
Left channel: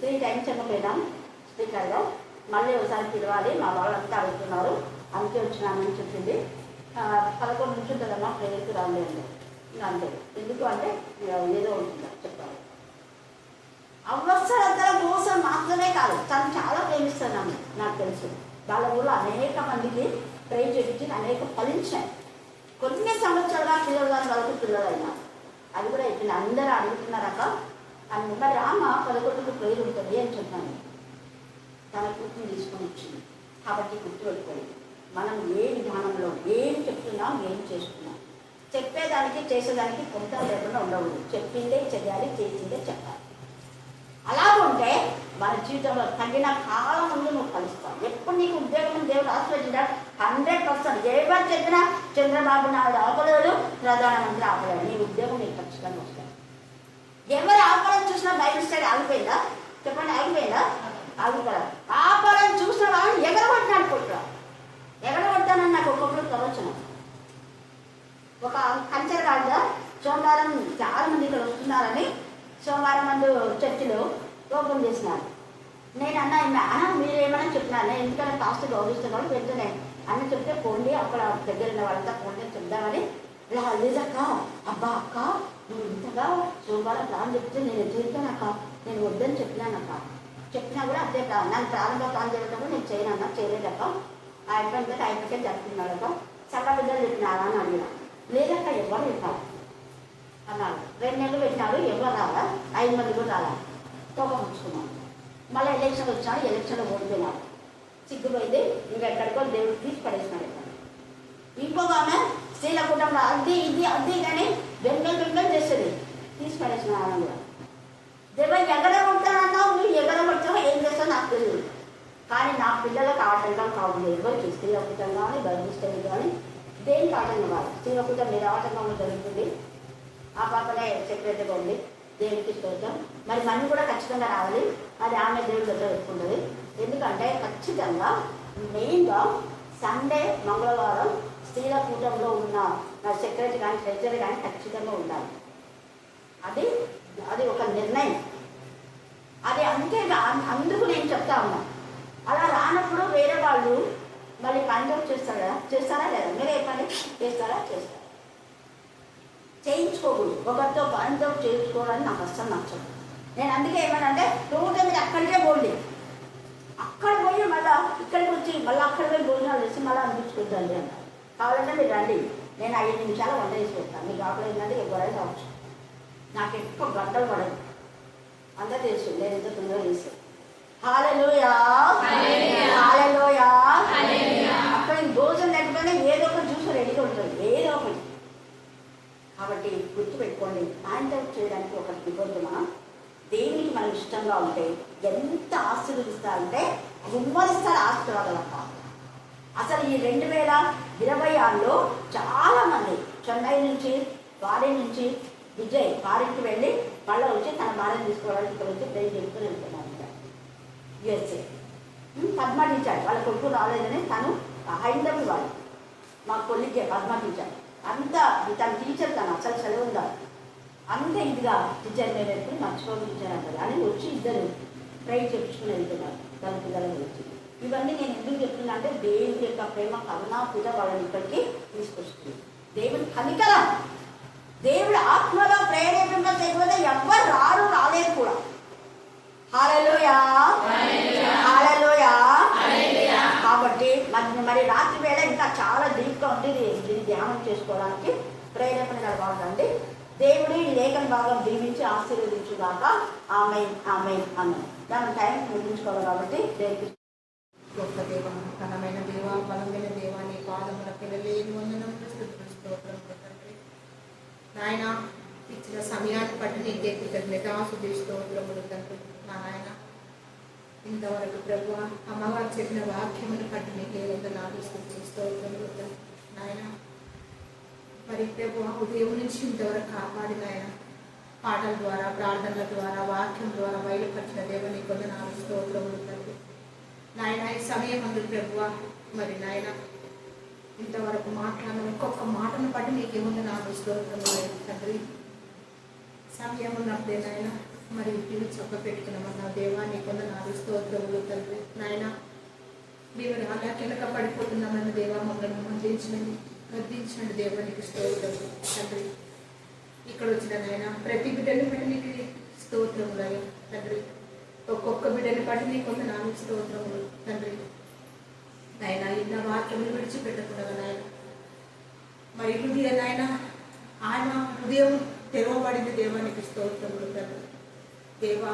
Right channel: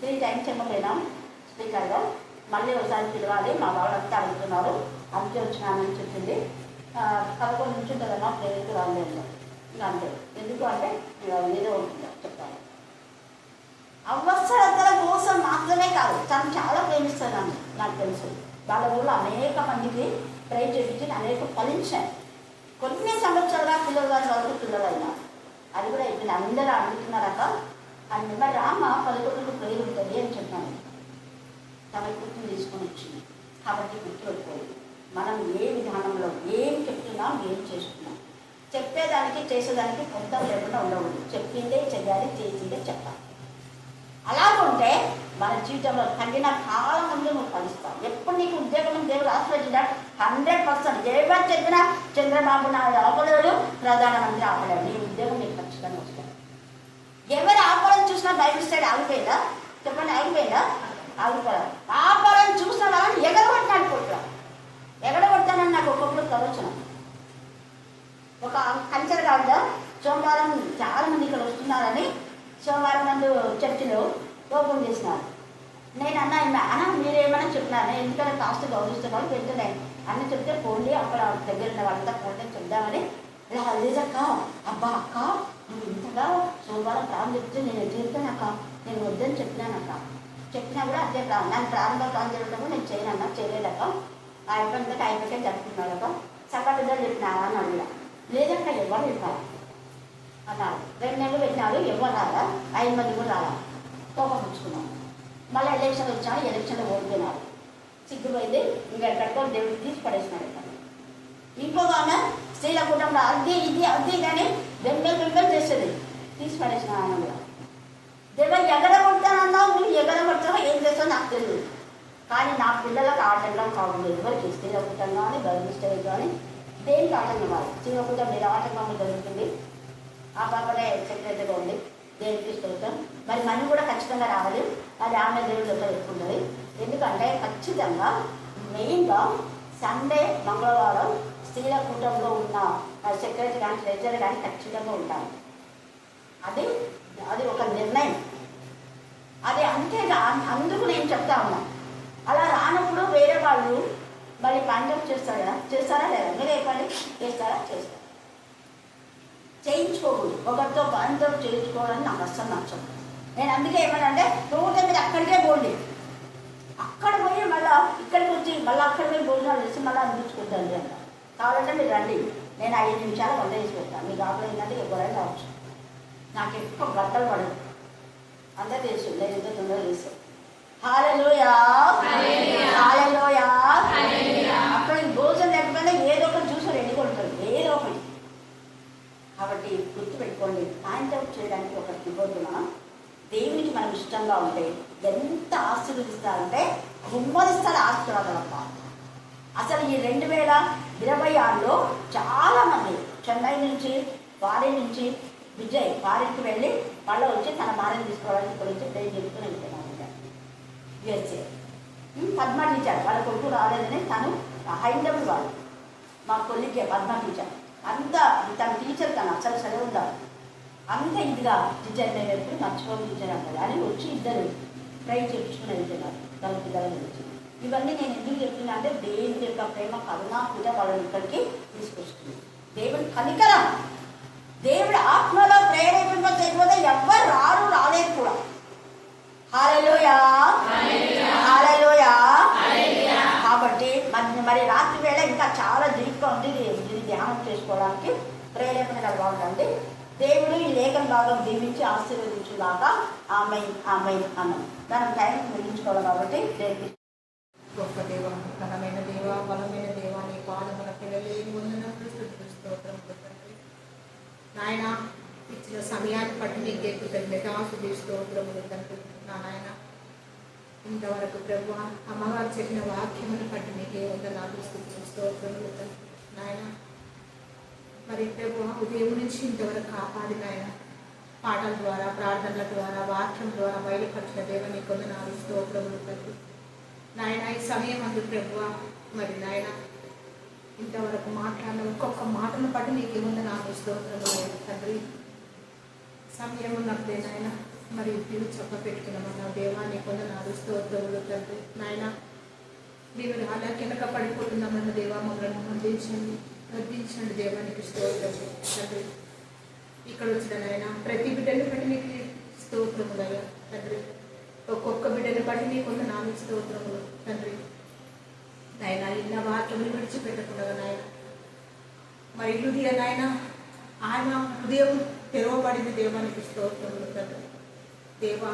3 times చెప్పలేదాం స్పీకర్గా, మళ్ళీ ఒకసారి పిలవాలి, మా వాళ్ళంతా అడుగుతున్నారు, అందుకే వచ్చినానని చెప్పింది. 11 నుంచి ఉంటుందమ్మా ప్రేయర్కి రాలేదు. ఇంకా అంతే. ఎందుకు అంటే ఏదో ఉంటుంది చెప్తాను. అవసరతల కోసం మాత్రమే కాదు, తను చాలా ప్రేమిస్తున్నాను నాకు తెలుసు. వాళ్ళ ఊళ్ళో అనేక మందికి ప్రే చేయించి అనేక ఫలించాయి. కొన్ని సంవత్సరాలుగా పిల్లలు గారి వాళ్ళకి పిల్లలు అయినా అది కూడా ఇప్పుడు అందరూ అడుగుతున్నారక అని. మరి రామ 11కు ప్రేరు ఉంటుంది అని చెప్పాను. తన కూతురు తీసుకొని వచ్చింది. కాబట్టి గుర్తుపెట్టుకోండి, మనం ఏ విధానంలో ఏం చెప్తున్నాం, ఏం చేస్తున్నాం, చెప్పేదానికి చేసేదానికి కొంత లేకుండా ఉండకూడదు. చెప్పిందే చెయ్యాలి, చేసిందే చెప్పాలి. అలాగుంటే మన జీవితంలో తగిన కాలం ముందు నువ్వు కలుస్తావు. ఎప్పుడు నీకు ఉద్యోగం దేవుడు ఆశ్రయించాడు 100%. ఎవరు చెప్పినా చంద్రబాబు నాయుడు ఆపలేడు, ప్రధానమంత్రి ఆపలేడు, నీ ఉద్యోగం నీకు ఖచ్చితంగా వస్తాయి. ఎవరు ఆపాలని చూసినా బైబిల్ స్టైల్ ఆగిపోయిందా? చెప్పండి, ఆగిపోయిందా? ఆగిపోయారు. ఆపాలని చూసిన వాళ్ళని ఎగరగొట్టినాడు కొట్టురా. ఎగరగొట్టానని నాకు ఒక్కొక్కరు ప్రవచనం. ఒక కంచెర కాదా, సోమవారం చాలా మంది ఇక్కడ వస్తున్నారని సోమవారం మంది చర్చిలో ఓపెన్ చేసినారు. నేను అన్న మీరేమైనా చెప్పినాను, ఎందుకంటే కాస్ట్ గౌరవిస్తున్నాను వెళ్తున్నాను అన్న చెప్తే పోండి, అక్కడ దగ్గర ఉన్న వాళ్ళంతా పోండి చెప్దామని. లేదక్క, అబ్బా అక్క నువ్వు ఇంతగా సోమవారం ప్లాన్ చెప్తే నేను తీరుతానక్క, నేను వద్దని చెప్పినానక్క. చెప్పినా కూడా అదే ప్లాన్, నన్ను ప్రారంభంగా ప్లాన్ చేయడం నేను చేయనన్నా, చేయలేదక్క. ఆ యొక్క ఆయనకే జరుపుకున్నాడక్క. సగం బిడ్డలు చెప్పినారా అని అడిగినా. లేదక్క ఎవరు చెప్పారు అన్నారు. 2 నెలలు పెట్టినారు, ఎవరు రాలా, 5 మంది కూడా రాలా. కోపం ఉంచుకున్నాం. మళ్ళీ ఎలక్షన్ వచ్చాను, ఎలక్షన్లో ఓడిపోయినారు. సిగ్గుపోయింది, ఇంకా ఎక్కడికో దేవుడు తీసి పడేసినాడు. ఇక్కడ ఇంకొక ఆమె స్త్రీల కుటుంబంలో అది ఇది అది కానీ బెంగళ చేసేది, తీసి పడేసిన ఆనంద. దేవుడు ఎగరగొడతానన్నావు, నువ్వు ఎగరగొడతావు, ఏం చేస్తావు నాకు తెలియదు. కానీ నా పిల్లలకు ఆటంగా కావాలి. ఎవరికి స్త్రీల కుటుంబం కానీ గర్భిష్ఠులు కానీ దేనికి ఆటంకం కాదు. స్త్రీల కుటుంబం మీద ఆటంకంగా జరుగుతుంది. ఆ పాపనే సెక్రటరీగా ఉంది. దేవుడికి ఇష్టం. మరి మనం కూడా ఖచ్చితంగా రావాలి. అది ఆమె దేవుడి దగ్గర పెట్టుకుంటుంది. ఎందుకంటే ఖచ్చితంగా మెయిన్గా సండే మంగళవారం స్త్రీల కూటంలో ఉన్న సెక్రటరీ కానీ ట్రెజరీ కానీ ఖచ్చితంగా ఉండాలి. అది ఒక నిర్ణయం. అది అంతేగా, అందుకు నేను చెప్తా ఉన్నా. అలా రానప్పుడు వేరే వాళ్ళు మళ్ళీ కాంటాక్ట్ చేస్తారు కదా, చేస్తారా లేదా? మీరే చెప్పండి, చేస్తారా? చేస్తారు. చేయించుకోకూడదు. ఒకరితో బాంతో చేయించుకోవాలని నాకు అస్సలు నచ్చదు. నేను అందుకే ఏమనంటే రోజు మీరు అక్కడికే పోండి, అక్కడ పోయి మళ్ళీ ఇక్కడికి వచ్చి మళ్ళీ అక్కడ పోయి భోజనాలు చేసి మళ్ళీ అనిపించుకుంటాను అంట. కావాలంటే మీరు రండి, నేను 5 నిమిషాలు వంట చేసి పెడతాను. మీకు ఆకలి ఏంటంటే ఎవరైనా రావచ్చు. నాకు ఎక్కువ గంటలు పడదు, అందరూ తెలుసు. నేను ఇంత తొందరగా చేస్తాను. హల్లెలూయా, హల్లెలూయా. అక్కడ భోజనం లేకపోయినా ఏదో ఒక జ్యూస్ రెడీగా ఉంటుంది, ఏదో ఒకటి. కాబట్టి గుర్తుపెట్టుకోండి, కాంటాక్ట్ చేయడానికి ఒక నిబంధన. దేవునికి మనం ఇష్టంగా ఉంటే ఎంత ఆశీర్వదిస్తారంటే గుమ్మరిస్తారు ఆశీర్వాదాలక్క. అసలు ఈ 2026లో చాలా మంది చెన్నై నుంచి, ఫారిన్ నుంచి, విజయ్ ఫారిన్కి వెళ్ళి మళ్ళీ వచ్చి తన భార్యను తీసుకోవడానికి ఇక్కడ వచ్చి ప్రేమ్ చేసుకుని వెళ్ళిపోయినారు USA. పద్మ టీచర్ వాళ్ళ కొడుకు రాలేదని తను హైదరాబాద్ వాళ్ళు మా కొలికే పద్మ టీచర్. అంత తన టీచర్ తను అసలు చదివి ఉండాలి. అంత ఇదిగా టీచర్ నేను మర్చిపోని టీచర్ అంటారు అని వచ్చి ఇద్దరు ట్రై చేయించుకుని వెళ్తున్నారు తన పిల్లల గురించి. ఇవన్నీ నేను ఎందుకు చెప్తున్నా అంటే దేవుని యొక్క ప్రేమ కరుణ పూజ వాళ్ళని ఇక్కడికి తీసుకొస్తుంది. దేవుని కనికరం, దేవుడు ఆత్మలో ప్రేరేపింప చేయకపోతే ఎవ్వరు రాలేదు కూడా. హల్లెలూయా, హల్లెలూయా. కాబట్టి మరి రాత్రి వేళ ఇంకా చాలా డీప్గా ఉంది. దీన్ని ధ్యానం చేసుకోవడానికి ప్రేరేపణ కలగాలండి. దేవుడు ఈ లేఖన భాగం దీవించి ఆశీర్వదించుగాక. ఆమేన్, ఆమేన్, ఆమేన్. మనం టైం ముగించుకోవాలి కాబట్టి దేవుడికి గొప్ప దేవ, ఘనమైన దేవ, బలమైన దేవ, నీ పాదముల పిల్లలేని వందనములు స్తుతులు స్తోత్రములు తండ్రి. నాయన ఇచ్చిన సమయాన్ని బట్టి నీకే కృతజ్ఞతాస్తుతి స్తోత్రములు తండ్రి. నా నాయన ఇంతవరకు ప్రభు అమ్మగారు చెప్పిన వాక్యమును బట్టి నీకే వందనాలు స్తుతులు స్తోత్రములు తండ్రి. నాయన మరి ప్రభు ఉదయం నుంచి ఇంతవరకు కాపాడిన ఆయన పాటల ద్వారా, ప్రార్థనల ద్వారా, వాక్యం ద్వారా బయలుపరిచిన దేవుని వందనాలు స్తోత్రములు తండ్రి. నాయన ఈ సమయం అందు ప్రభువ మరి నాయన ఇంతవరకు మాట్లాడిన ఒక్కొక్క మాటను బట్టి నీకు వందనాలు స్తోత్రములు తండ్రి. సమయం ఉన్నప్పుడే నాయన మరి మీరు చొక్క పెట్టుకున్నామన్న దేవా నీకు వందనాలు స్తోత్రములు తండ్రి. నాయన మీరు అలా కిందక పడిపోతున్నామన్న దేవా మమ్మల్ని గద్దించండి దేవా నీకు స్తోత్రములు తండ్రి. ఇక్కడ వచ్చిన నాయన ప్రతి బిడ్డని బట్టి నీకు స్తోత్రములయ్యా తండ్రి. ఒక్కొక్క బిడ్డని బట్టి నీకు వందనాలు స్తోత్రములు తండ్రి. నాయన ఇన్న వాక్యములు విడిచిపెట్టకుండా నాయన మరి హృదయ నాయన ఆయన హృదయం తెరవబడింది దేవానికి స్తోత్రములు తండ్రి. దేవా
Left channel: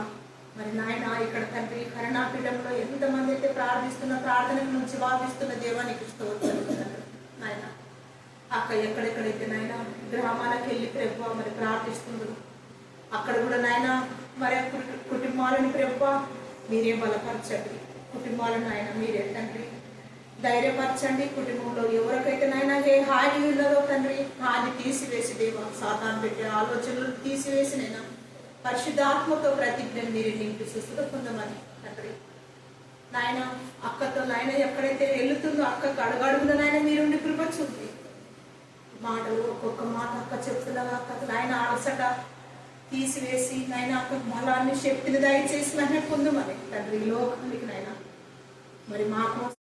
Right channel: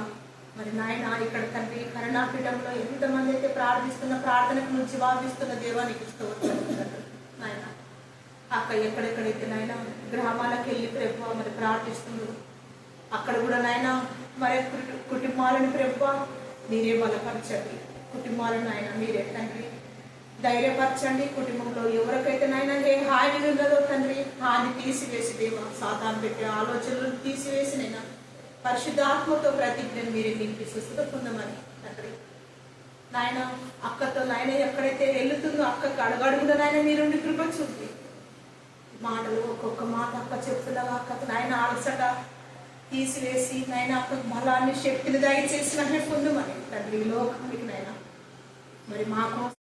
మరి నాయన ఇక్కడ తండ్రి కరుణాపీఠంలో ఎంతమంది అయితే ప్రార్థిస్తున్న ప్రార్థనకు నుంచి వాదిస్తున్న దేవానికి స్తోత్రములు తండ్రి. నాయన అక్కడ ఎక్కడెక్కడైతే నాయన గ్రామాలకు వెళ్ళి ప్రభు మరి ప్రార్థిస్తున్నారు అక్కడ కూడా నాయన మరి కుటుంబాలను ప్రభు మీరే బలపరచండి. కుటుంబాలను ఆయన మీరే తండ్రి ధైర్యపరచండి. కుటుంబంలో ఎవరికైతే నాయన ఏ హాని ఉన్నదో తండ్రి హాని తీసివేసి దేవా సాతాను పెట్టే ఆలోచనలు తీసివేసి నైనా పరిశుద్ధాత్మతో ప్రతిజ్ఞను మీరే నింపి సుస్థత పొందమని తండ్రి. నాయన అక్కతో నాయన ఎక్కడైతే వెళ్తుందో అక్కకు అడుగడుగున నాయన మీరుండి కృప చూపి మాటలు ఒక్కొక్క మాట అక్క చెప్తుండగా అక్కకు నాయన అలసట తీసివేసి నాయన అక్కకు బలాన్ని శక్తిని దయచేసి వెంటనే పొందమని తండ్రి లోకానికి నాయన మరి మా కోసం